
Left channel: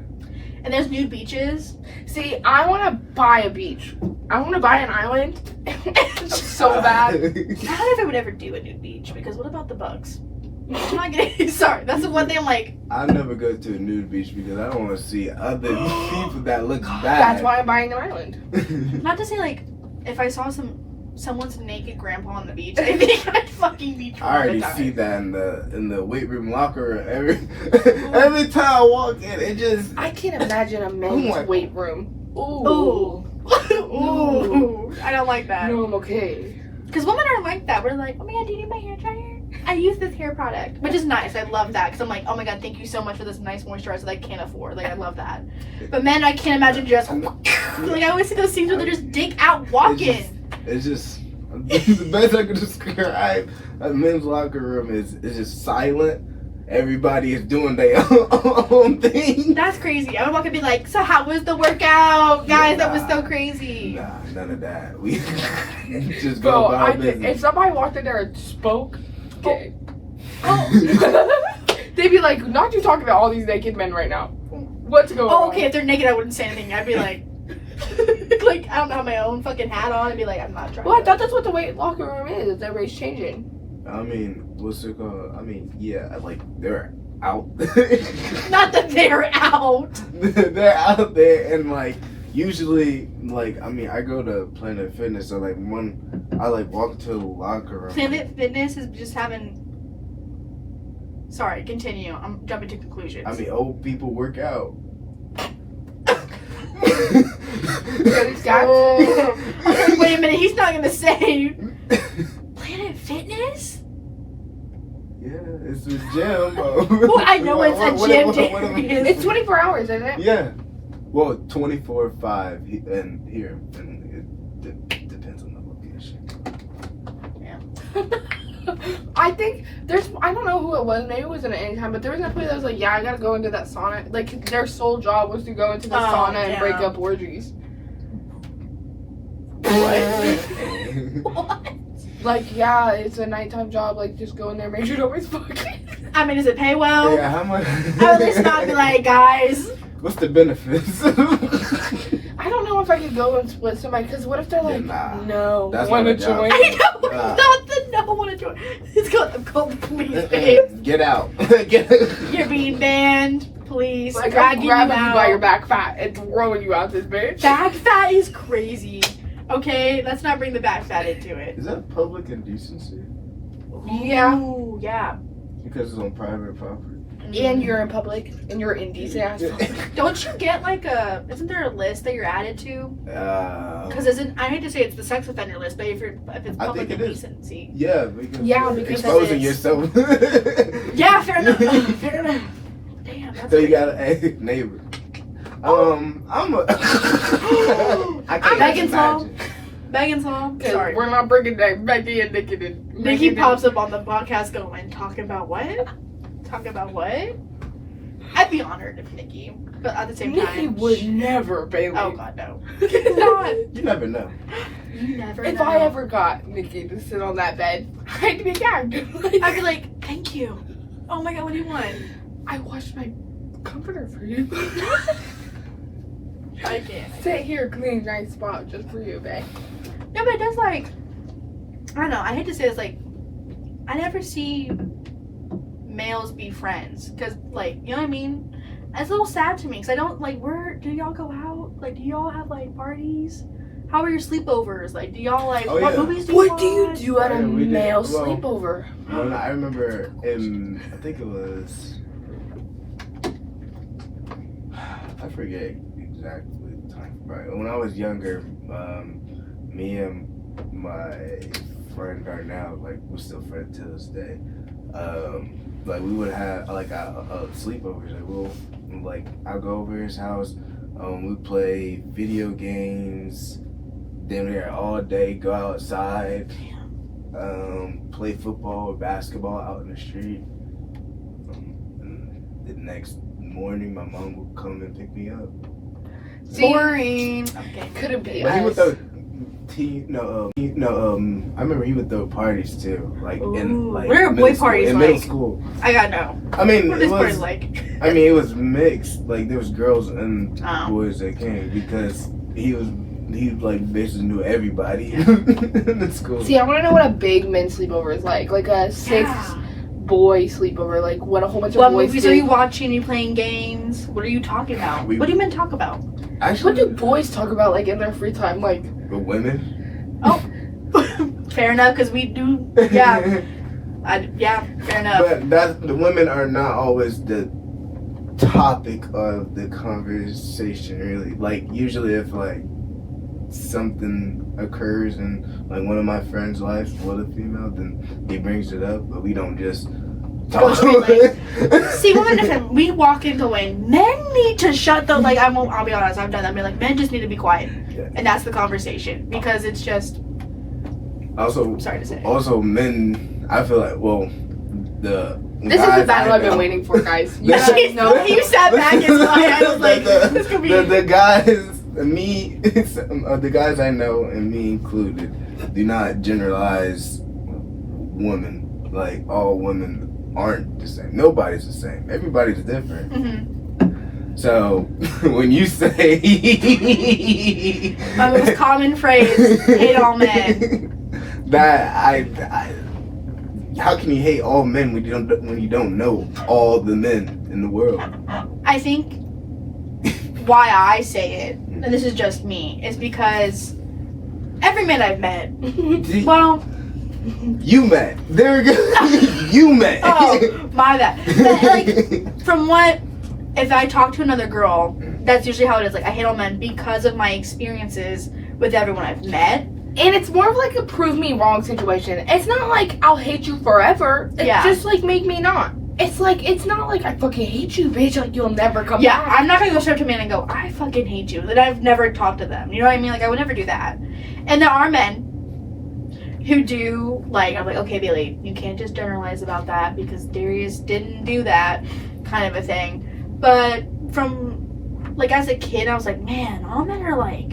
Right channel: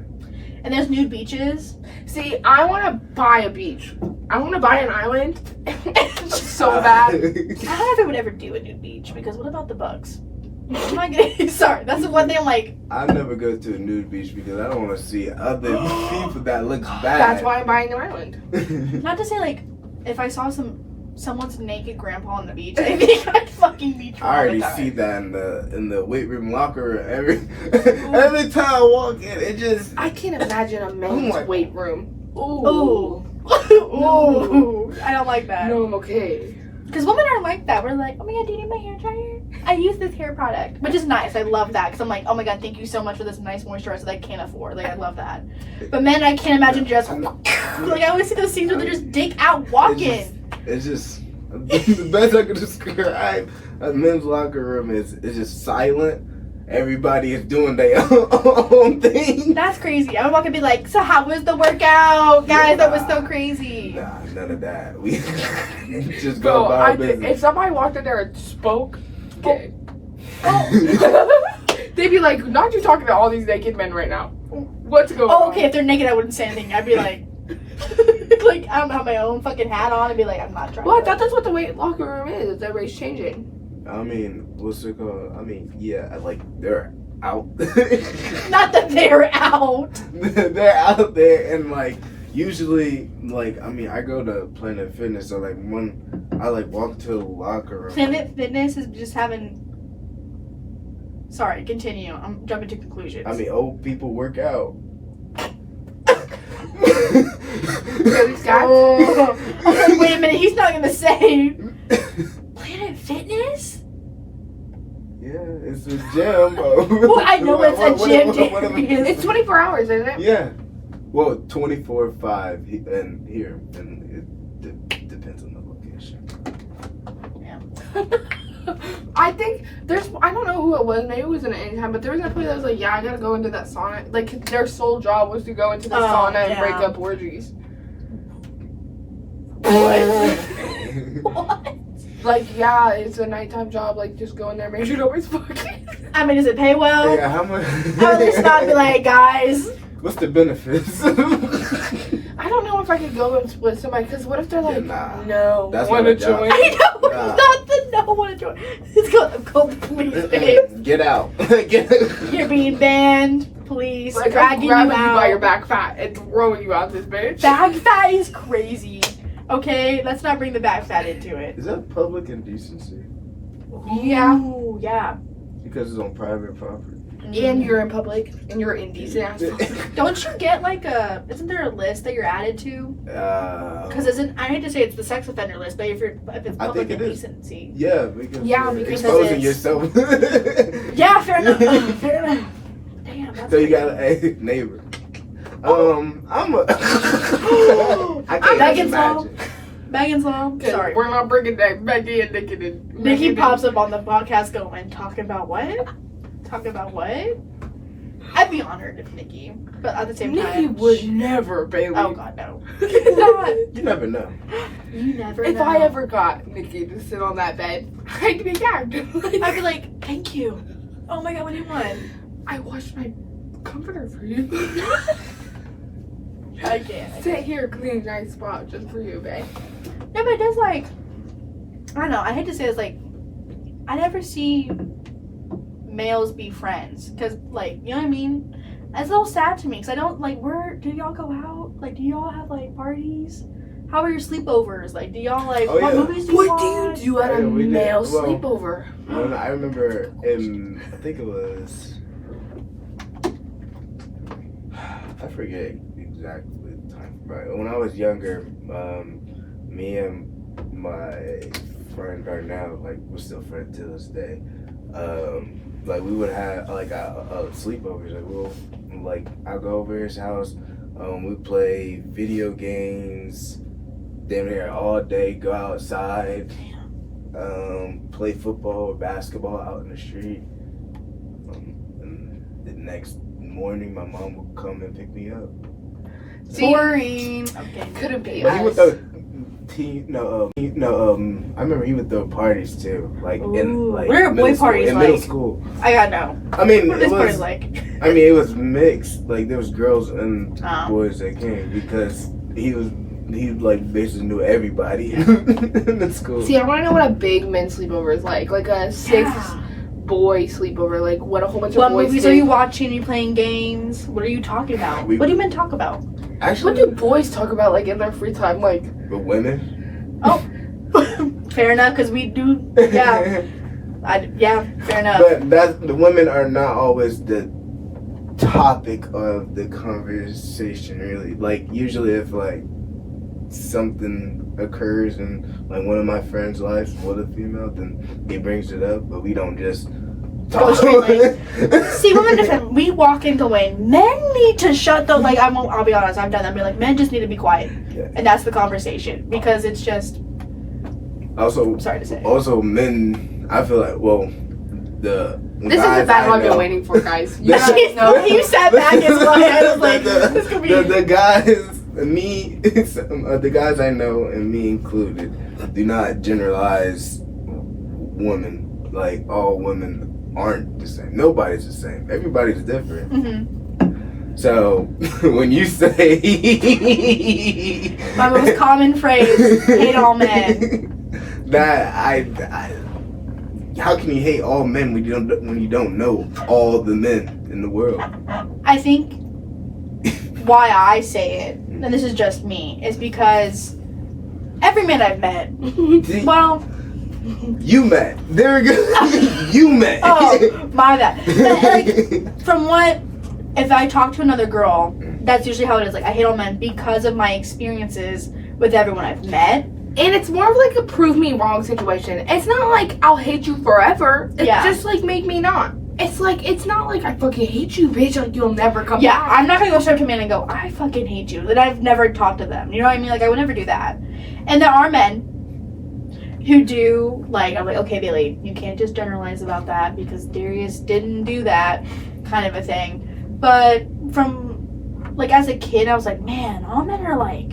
And there's nude beaches. See, I want to buy a beach. I want to buy an island so bad. I don't know if I would ever do a nude beach because what about the bugs? I'm not getting sorry. That's the one thing I'm like. I never go to a nude beach because I don't want to see other people that look bad. That's why I'm buying an island. Not to say like, if I saw someone's naked grandpa on the beach, I think I'd fucking be. I already see that in the weight room locker room. Every time I walk in, it just. I can't imagine a men's my- weight room. Ooh. Ooh. I don't like that. No, I'm okay. Because women are like that. We're like, oh my god, do you need my hair dryer? I use this hair product, which is nice. I love that because I'm like, oh my god, thank you so much for this nice moisturizer that I can't afford. Like, I love that. But men, I can't imagine just like I always see those scenes where they're just dick out walking. It's just the best I could describe a men's locker room is just silent. Everybody is doing their own thing. That's crazy. I would walk and be like, so how was the workout, guys? Yeah, That was so crazy. Nah, none of that. We just go Bro, about our business. if somebody walked in there and spoke, gay. Oh. They'd be like, not you talking to all these naked men right now. What's going on? Oh, okay. If they're naked, I wouldn't say anything. I'd be like, like I don't have my own fucking hat on and be like, I'm not trying. Well, I to. thought that's what the weight locker room is. Everybody's changing. I mean, what's it called? I mean, yeah, like they're out. Not that they're out. They're out there and like usually like I mean I go to Planet Fitness so like when I like walk to the locker room. Planet Fitness is just having. Sorry, continue. I'm jumping to conclusions. I mean old people work out. This guy. Okay, wait a minute. He's not gonna say Planet Fitness. Yeah, it's a gym. Well, I know it's a gym, Darius. It's 24 hours, isn't it? Yeah. Well, 24/5 and here, and it depends on the location. I think I don't know who it was, maybe it was in an Anytime, but there was that place that was like, yeah, I gotta go into that sauna. Like, their sole job was to go into the sauna and break up orgies. What? Like, yeah, it's a nighttime job, like, just go in there, make sure nobody's fucking. I mean, does it pay well? Yeah, how much? I would just not be like, guys. What's the benefits? I don't know if I could go with somebody, because what if they're like, nah. no, That's want not to a job. join? I know, Nah. not the no one to join. It's called the police, babe. Get out. Get You're being banned. Police. Like, I'm dragging you grabbing you by your out. back fat and throwing you out this bitch. Bag fat is crazy. Okay, let's not bring the bag fat into it. Is that public indecency? Yeah. Ooh, yeah. Because it's on private property. And you're in public, and you're indecent ass. Don't you get like isn't there a list that you're added to? Because I hate to say it's the sex offender list, but if it's I public think it is. indecency. Yeah, because Yeah, you're because exposing it's- yourself. Yeah, fair enough. Fair enough. Damn, that's So you got a neighbor. I'm a. I can't Back even in Tom. imagine. Megan's mom. Sorry. We're not bringing that Becky and Nikki in. Nikki pops up on the podcast going, talking about what? Talking about what? I'd be honored if Nikki, but at the same Nikki time. would never, Bailey. Oh god, no. Not. You never know. You never If know. I ever got Nikki to sit on that bed, I'd be gagged. Like, I'd be like, thank you. Oh my god, what do you want? I washed my comforter for you. I can't. Sit here, clean, nice spot just for you, babe. No, but it does like, I don't know, I hate to say this, like, I never see males be friends. Because, like, you know what I mean? It's a little sad to me. Because I don't, like, do y'all go out? Like, do y'all have, like, parties? How are your sleepovers? Like, do y'all, like, Oh, what yeah. movies do you What do you watch? do at a Yeah, we did. male Well, sleepover? When I remember I think it was. I forget exactly the time. But when I was younger, me and my friend Darnell, like, we're still friends to this day. Like, we would have like a sleepovers. Like, I'll go over his house. We play video games. Damn near all day. Go outside. play football or basketball out in the street. And the next morning, my mom would come and pick me up. Boring. Couldn't be But he would us. throw I remember he would throw parties too, like in Ooh, like where are middle boy school- parties in middle like? school. I gotta know. I mean, What it is party was like? it was mixed. Like there was girls and Oh. boys that came because he like basically knew everybody in the school. See, I want to know what a big men's sleepover is like a 6 boy sleepover, like what a whole bunch of What boys movies do. are you watching? Are you playing games? What are you talking about? We- What do you men talk about? What Actually, do boys talk about like in their free time? Like, the women. Fair enough, because we do. Yeah, fair enough. But the women are not always the topic of the conversation, really. Like usually, if like something occurs in like one of my friends' lives with a female, then he brings it up, but we don't just Oh, talk. really? See, women different. We walk into a way. Men need to shut the like. I'll be honest. I'm done. I'm like, men just need to be quiet, Yeah. and that's the conversation because it's just. Also, I'm sorry to say. men. I feel like the this is guys the battle I I've been know- waiting for, guys. You This- guys know. You sat back and looked. I was like, this could be. the guys, me, the guys I know, and me included, do not generalize women. Like all women aren't the same. Nobody's the same. Everybody's different. Mm-hmm. So when you say My most common phrase: hate all men. that I how can you hate all men when you don't know all the men in the world? I think why I say it, and this is just me, is because every man I've met, well, You met. There we go. You met. oh, my bad. But, like, from what, if I talk to another girl, that's usually how it is. Like, I hate all men because of my experiences with everyone I've met. And it's more of like a prove me wrong situation. It's not like I'll hate you forever. It's Yeah. just like make me not. It's not like I fucking hate you, bitch. Like you'll never come Yeah, back. I'm not gonna go straight to a man and go, I fucking hate you. That I've never talked to them. You know what I mean? Like, I would never do that. And there are men who do, like, I'm like, okay, Bailey, you can't just generalize about that because Darius didn't do that, kind of a thing. But from, like, as a kid, I was like, man, all men are like,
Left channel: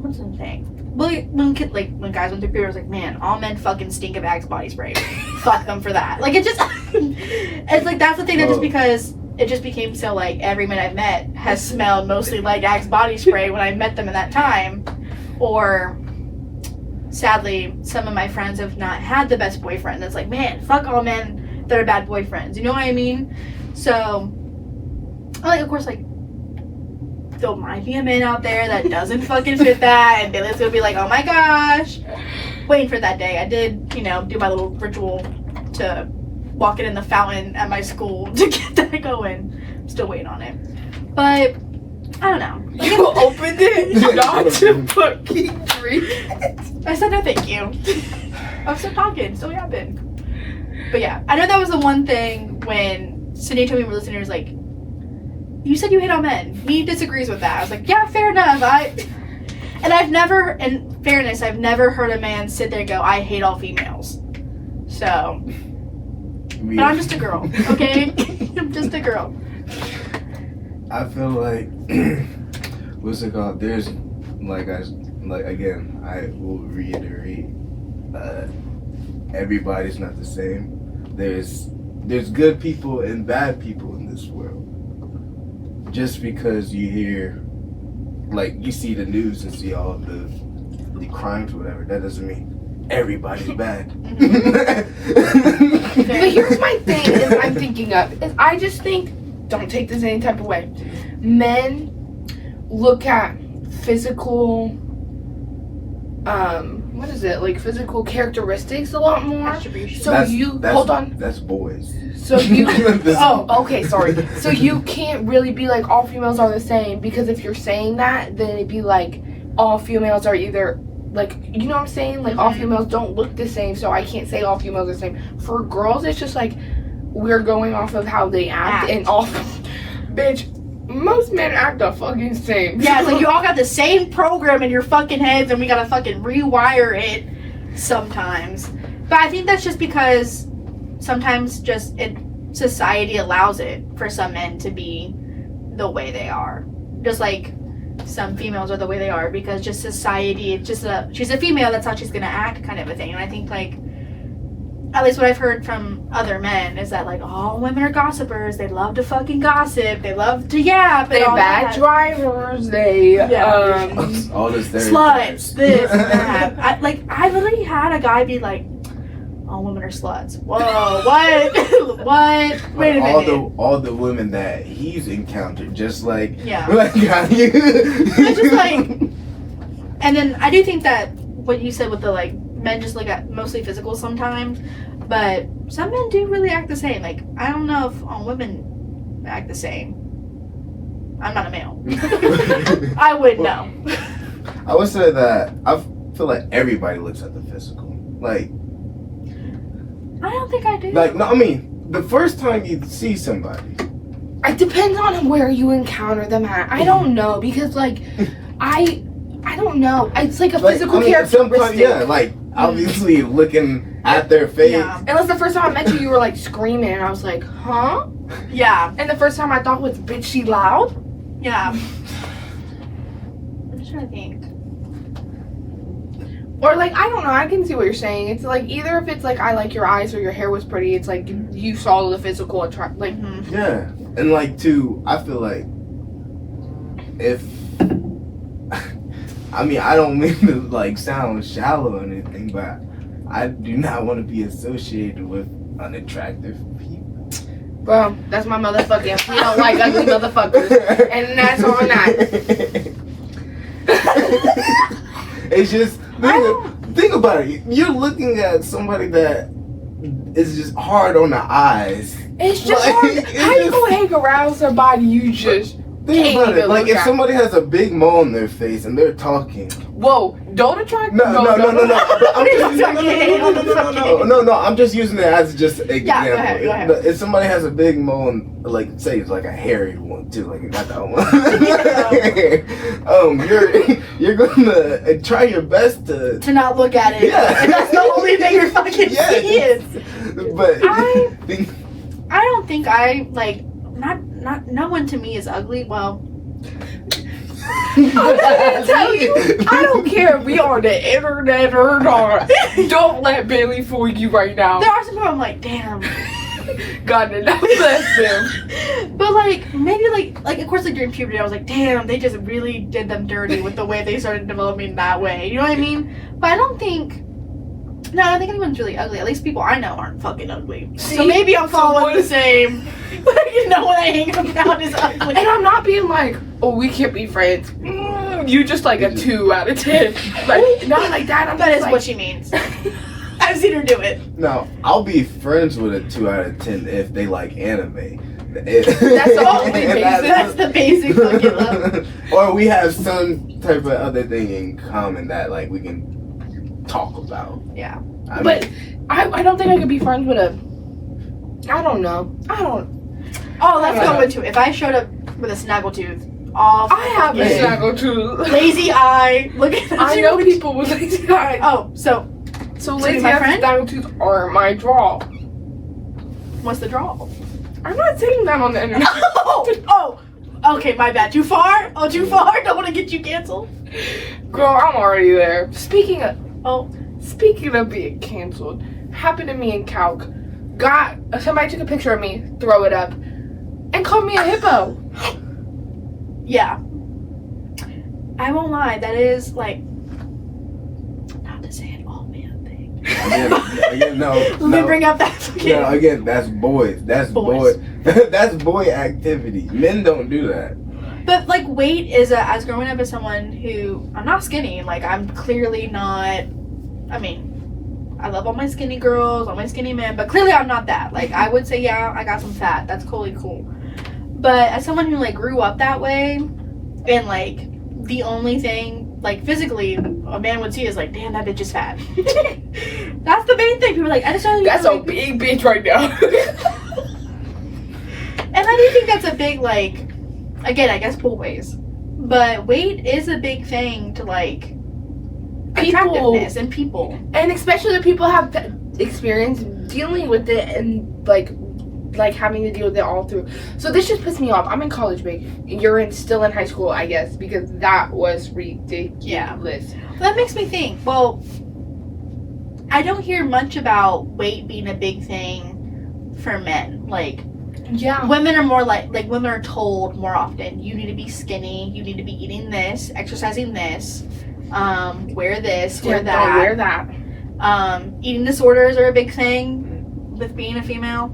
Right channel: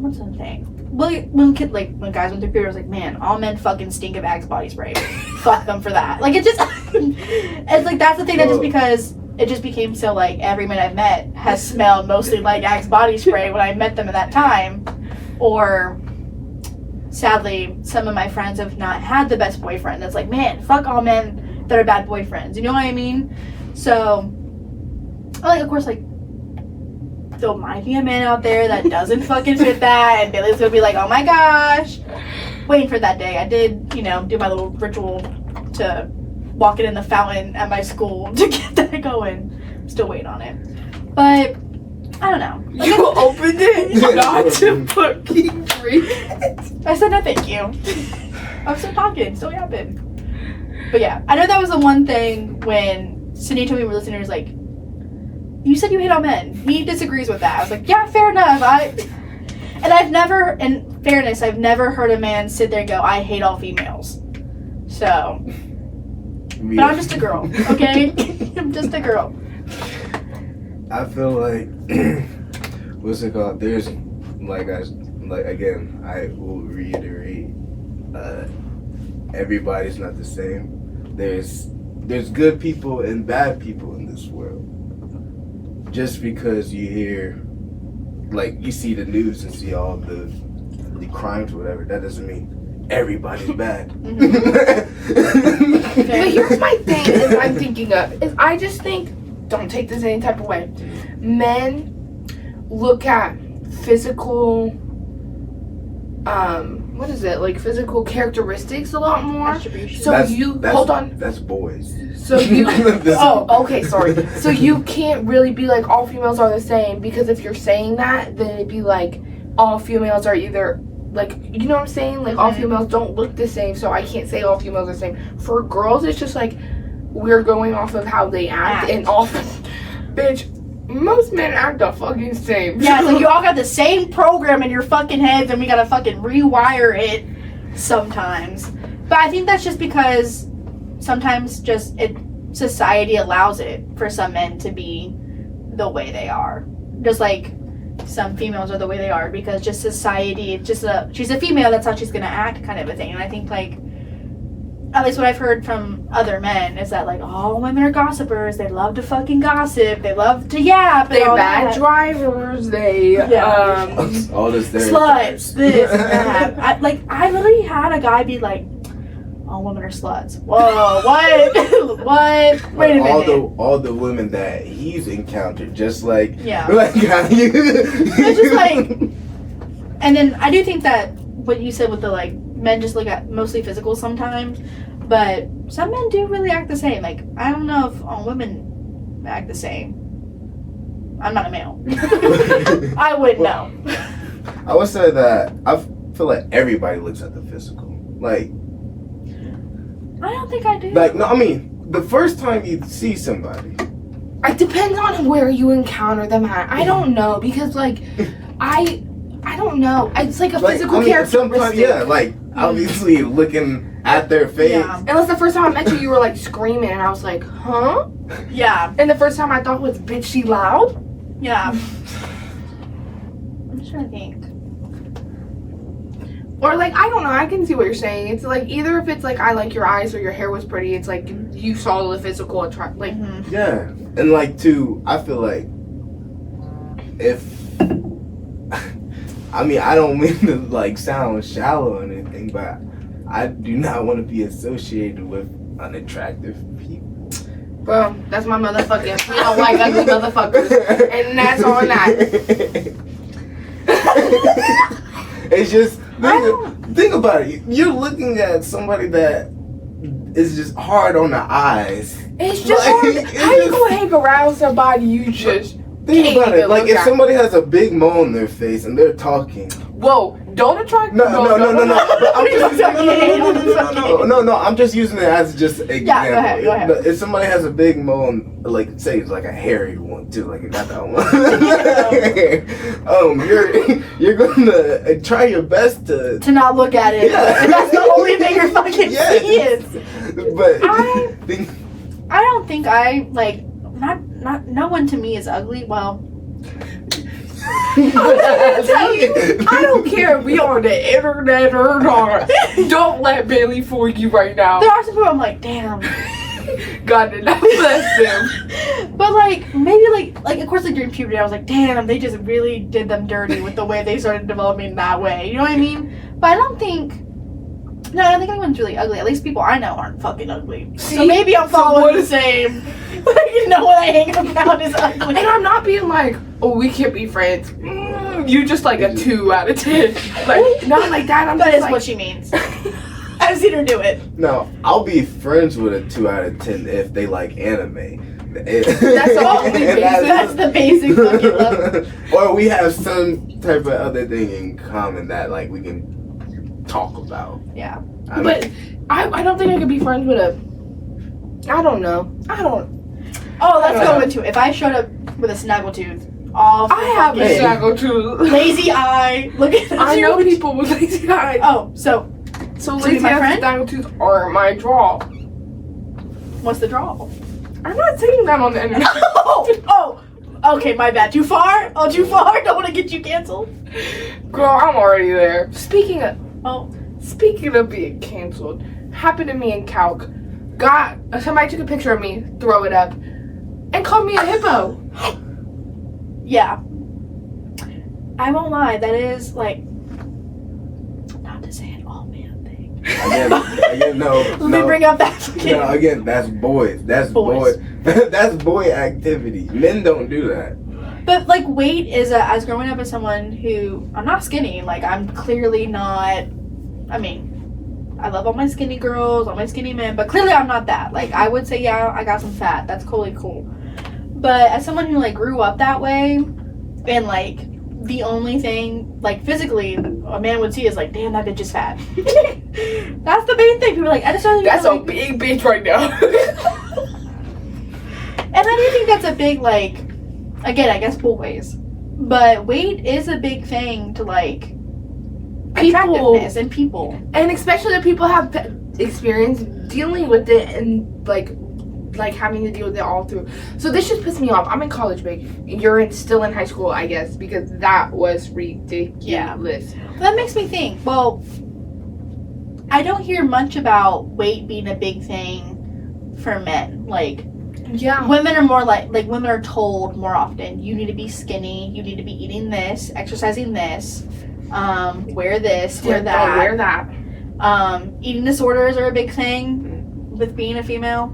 what's the thing? Well, when guys went through puberty, I was like, man, all men fucking stink of Axe body spray. Fuck them for that. Like, it just, it's like, that's the thing that just because it just became so, like, every man I've met has smelled mostly like Axe body spray when I met them at that time. Or, sadly, some of my friends have not had the best boyfriend. That's like, man, fuck all men that are bad boyfriends. You know what I mean? So, like, of course, like, there might be a man out there that doesn't fucking fit that, and Bailey's gonna be like, oh my gosh. Waiting for that day. I did, do my little ritual to walk it in the fountain at my school to get that going. Still waiting on it. But, I don't know. You opened it not to fucking drink. I said no thank you. I'm still talking, still yapping. But yeah, I know that was the one thing when Sydney told me we were listening, was like, you said you hate all men. He disagrees with that. I was like, yeah, fair enough. And I've never, in fairness, I've never heard a man sit there and go, I hate all females. So, but I'm just a girl, okay? I'm just a girl. I feel like what's it called? There's again, I will reiterate, everybody's not the same. There's good people and bad people in this world. Just because you hear, like, you see the news and see all the crimes or whatever, that doesn't mean everybody's bad. But here's my thing is I'm thinking of is I just think, don't take this any type of way. Men look at physical what is it, like physical characteristics a lot more. Attribution. So hold on. That's boys. So you oh, okay, sorry. So you can't really be like all females are the same, because if you're saying that, then it'd be like all females are either like, you know what I'm saying? Like all females don't look the same, so I can't say all females are the same. For girls, it's just like we're going off of how they act. And off bitch, most men act the fucking same. Yeah, it's like you all got the same program in your fucking heads and we gotta fucking rewire it sometimes. But I think that's just because sometimes society allows it for some men to be the way they are. Just like some females are the way they are because just society, it's just she's a female, that's how she's gonna act kind of a thing. And I think like, at least what I've heard from other men is that like all women are gossipers. They love to fucking gossip. They love to yap. They bad drivers. They all this sluts. This and that. I literally had a guy be like, all women are sluts. Whoa, what? What? Wait a minute. All the women that he's encountered, just like It's just like, and then I do think that what you said with the like men just look at mostly physical sometimes, but some men do really act the same. Like I don't know if all women act the same. I'm not a male. I wouldn't know. I would say that I feel like everybody looks at the physical. Like I don't think I do. Like no, I mean the first time you see somebody. It depends on where you encounter them at. I don't know because like I don't know. It's like a physical characteristic. Yeah, like obviously looking at their face. Yeah. Unless the first time I met you, you were like screaming, and I was like, huh? Yeah. And the first time I thought was, bitch, she loud? Yeah. I'm just trying to think. Or like, I don't know. I can see what you're saying. It's like either if it's like I like your eyes or your hair was pretty. It's like you saw the physical attract. Like yeah, and like too, I feel like if. I mean, I don't mean to like sound shallow or anything, but I do not want to be associated with unattractive people. Bro, that's my motherfucking. You don't like ugly motherfuckers, and that's on that. It's just think about it. You're looking at somebody that is just hard on the eyes. It's just like, hard. How you gonna hang around somebody you just? Think about it. Like if somebody has a big mole on their face and they're talking. Whoa! Don't attract. No. I'm just using it as just an example. Yeah, go ahead. If somebody has a big mole, and, like say it's like a hairy one too, like you got that one. You're gonna try your best to not look at it. Yeah. And that's the only thing you're fucking seeing. But I don't think I like. Not no one to me is ugly. Well, I don't care if we on the internet or not. Don't let Bailey fool you right now. there are some people I'm like, damn. God did not bless them. But like maybe like of course like during puberty I was like, damn, they just really did them dirty with the way they started developing that way. You know what I mean? But I don't think anyone's really ugly. At least people I know aren't fucking ugly. See? So maybe I'm following the same. You know what I hang around is ugly. And I'm not being like, oh, we can't be friends. You're just like a 2 out of 10. Like not like that. That is what she means. I've seen her do it. No, I'll be friends with a 2 out of 10 if they like anime. That's the only basic. That's the basic fucking love. Or we have some type of other thing in common that like we can talk about. Yeah. I don't think I could be friends with a. I don't know. Oh, let's go into it. If I showed up with a snaggletooth, I have a snaggletooth. Lazy eye. Look at that. I know people with lazy eyes. Oh, so lazy my eyes friend? and snaggletooth are my draw. What's the draw? I'm not saying that on the internet. Oh. Okay, my bad. Too far? Oh, too far? Don't want to get you canceled. Girl, I'm already there. Speaking of being canceled, happened to me in Calc. Somebody took a picture of me, throw it up, and called me a hippo. Yeah. I won't lie, that is like, not to say an all man thing. Again, no. Let me bring up that kid. No, again, that's boys. That's boy. That's boy activity. Men don't do that. But like weight is as growing up as someone who I'm not skinny. Like I'm clearly not. I mean, I love all my skinny girls, all my skinny men, but clearly I'm not that. Like I would say, yeah, I got some fat. That's totally cool. But as someone who like grew up that way, and like the only thing like physically a man would see is like, damn, that bitch is fat. That's the main thing. People are like, I just don't. That's a big bitch right now. And I do think that's a big like. Again, I guess boys. But weight is a big thing to like attractiveness and people. And especially if people have experience dealing with it and like having to deal with it all through. So this just pisses me off. I'm in college, babe. You're still in high school, I guess, because that was ridiculous. Yeah. That makes me think, well, I don't hear much about weight being a big thing for men. Like, yeah, women are more like women are told more often, you need to be skinny, you need to be eating this, exercising this, wear this, wear that. Eating disorders are a big thing with being a female.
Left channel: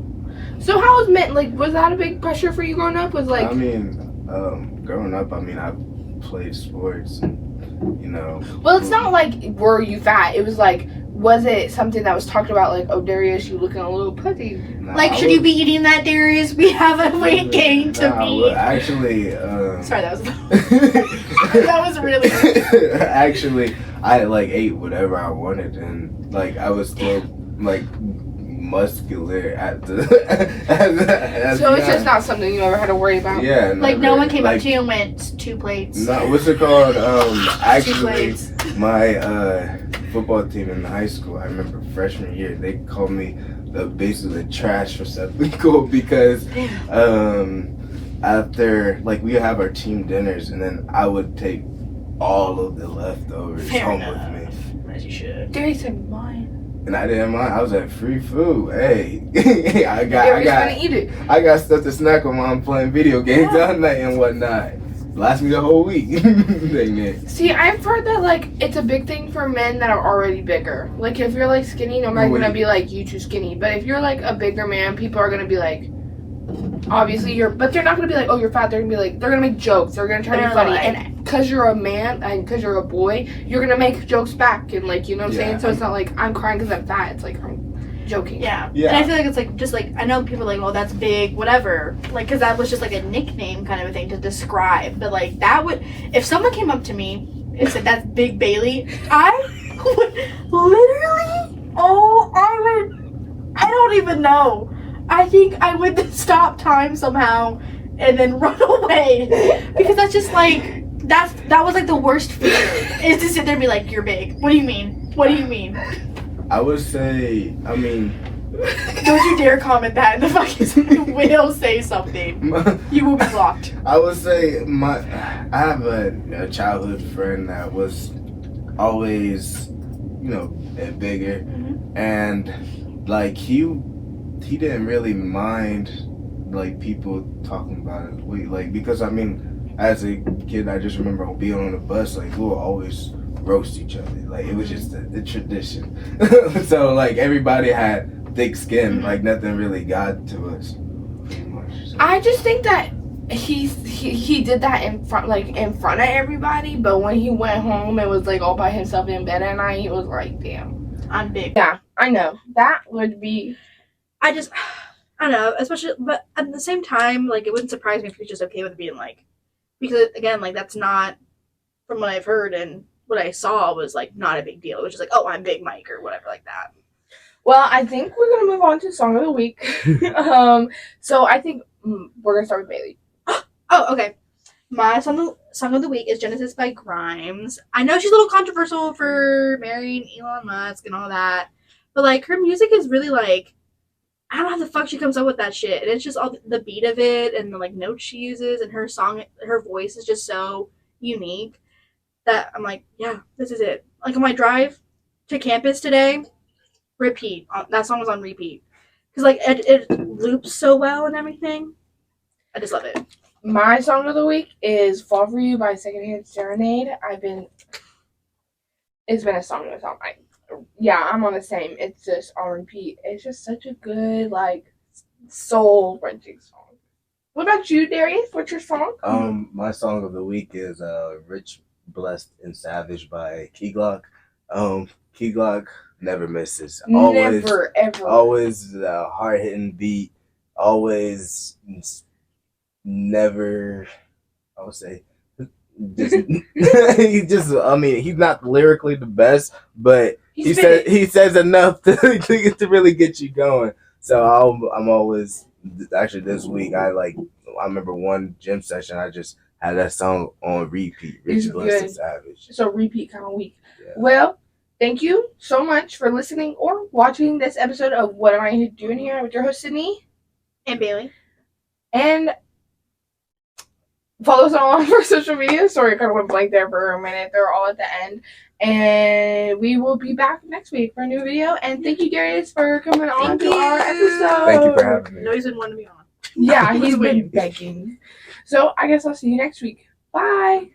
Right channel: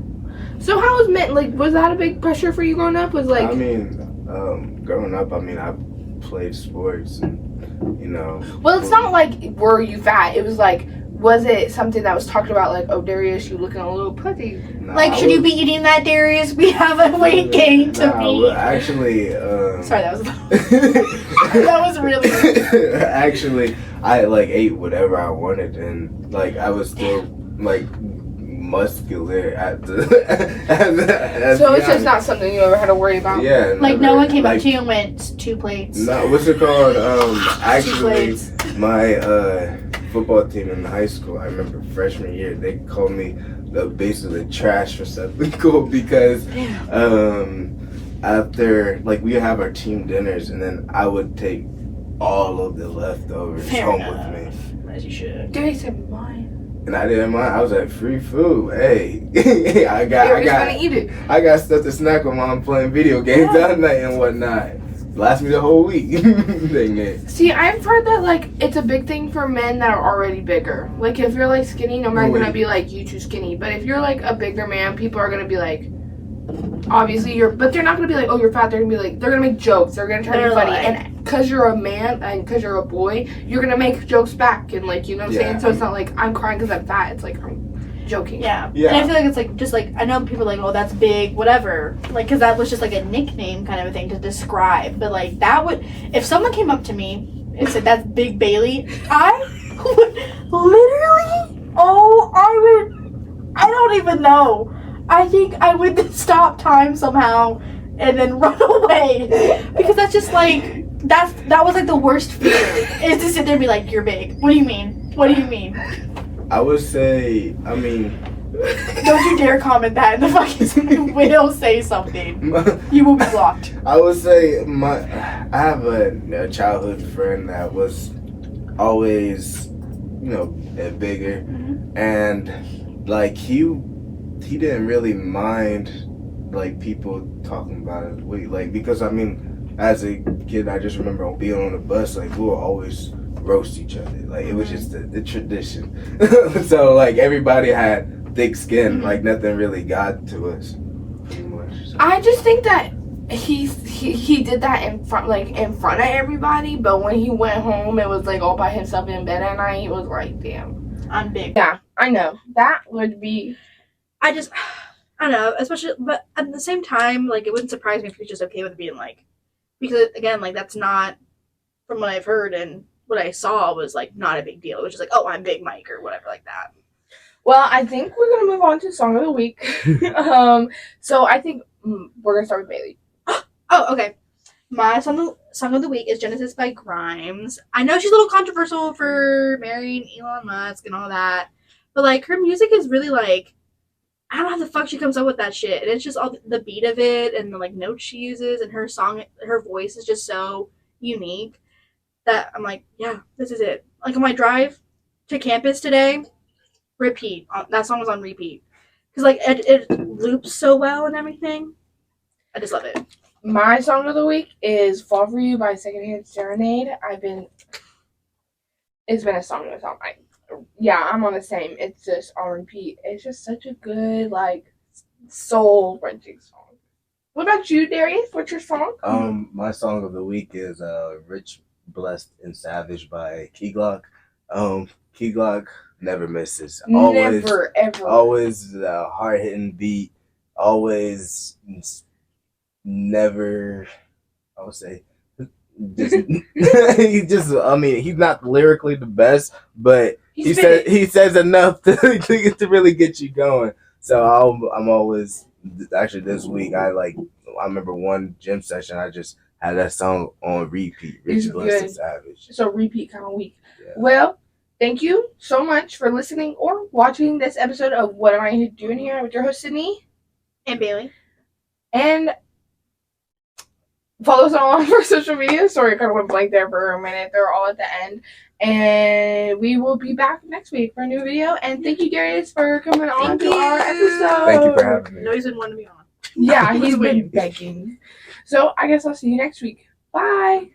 So how was men, like, was that a big pressure for you growing up? Was like, I mean, growing up, I mean, I played sports and, you know. Well, it's not like, were you fat? It was like, was it something that was talked about, like, oh, Darius, you looking a little putty? Nah, like, should you be eating that, Darius? We have a weight gain to beat. Well, actually, sorry, that was that was really actually, I like ate whatever I wanted, and like I was still like muscular at the. So it's just not something you ever had to worry about. Yeah, like no one came up to you and went 2 plates. No, what's it called? Actually, 2 plates. my football team in high school, I remember freshman year, they called me basically trash for something cool because after like we have our team dinners and then I would take all of the leftovers home with me. As you should. Darius said mine. And I didn't mind. I was like, free food. Hey, I got stuff to snack on while I'm playing video games all night and whatnot. Last me the whole week. Dang it. See, I've heard that like it's a big thing for men that are already bigger. Like if you're like skinny, nobody's gonna be like you too skinny. But if you're like a bigger man, people are gonna be like, obviously but they're not gonna be like, oh, you're fat. They're gonna be like, they're gonna make jokes. They're gonna try to be funny. And because you're a man and because you're a boy, you're gonna make jokes back and like, you know what I'm saying? So it's not like I'm crying because I'm fat. It's like I'm joking. Yeah. And I feel like it's like just like I know people are like, well, that's big, whatever. Like because that was just like a nickname kind of a thing to describe. But like that would, if someone came up to me and said that's Big Bailey, I would literally, I don't even know. I think I would stop time somehow and then run away because that's just like that was like the worst fear is to sit there and be like, you're big. What do you mean? What do you mean? I would say, I mean, don't you dare comment that in the fucking will say something. You will be blocked. I would say I have a childhood friend that was always, you know, bigger, and like he didn't really mind like people talking about his weight, like because I mean, as a kid, I just remember being on the bus, like we would always roast each other, like it was just the tradition. So like everybody had thick skin, like nothing really got to us. Pretty much. So. I just think that he did that in front of everybody, but when he went home, it was like all by himself in bed at night. He was like, damn, I'm big. Yeah, I know that would be. I don't know, especially, but at the same time, like, it wouldn't surprise me if he's just okay with being, like, because, again, like, that's not, from what I've heard and what I saw was, like, not a big deal. It was just like, oh, I'm Big Mike or whatever like that. Well, I think we're going to move on to Song of the Week. So I think we're going to start with Bailey. Oh, okay. My song of the week is Genesis by Grimes. I know she's a little controversial for marrying Elon Musk and all that, but, like, her music is really, like, I don't know how the fuck she comes up with that shit. And it's just all the beat of it and the like notes she uses and her voice is just so unique that I'm like, yeah, this is it. Like on my drive to campus today, repeat. That song was on repeat. Because like it loops so well and everything. I just love it. My song of the week is Fall For You by Secondhand Serenade. It's been a song that's on my yeah, I'm on the same. It's just on repeat. It's just such a good, like, soul-wrenching song. What about you, Darius? What's your song? My song of the week is Rich, Blessed, and Savage by Key Glock. Key Glock never misses. Never, ever. Always a hard-hitting beat. Always never, I would say, I mean, he's not lyrically the best, but he says enough to really get you going. So I'm always, actually this week I remember one gym session I just had that song on repeat. It's Richard Lester good. Savage. So repeat kind of week. Yeah. Well, thank you so much for listening or watching this episode of What Am I Doing Here with your host Sydney And Bailey. and follow us on all of our social media. Sorry, I kind of went blank there for a minute. They're all at the end. And we will be back next week for a new video. And thank you, Darius, for coming on to our episode. Thank you for having me. No, he's been wanting to be on. Yeah, he's been begging. So I guess I'll see you next week. Bye.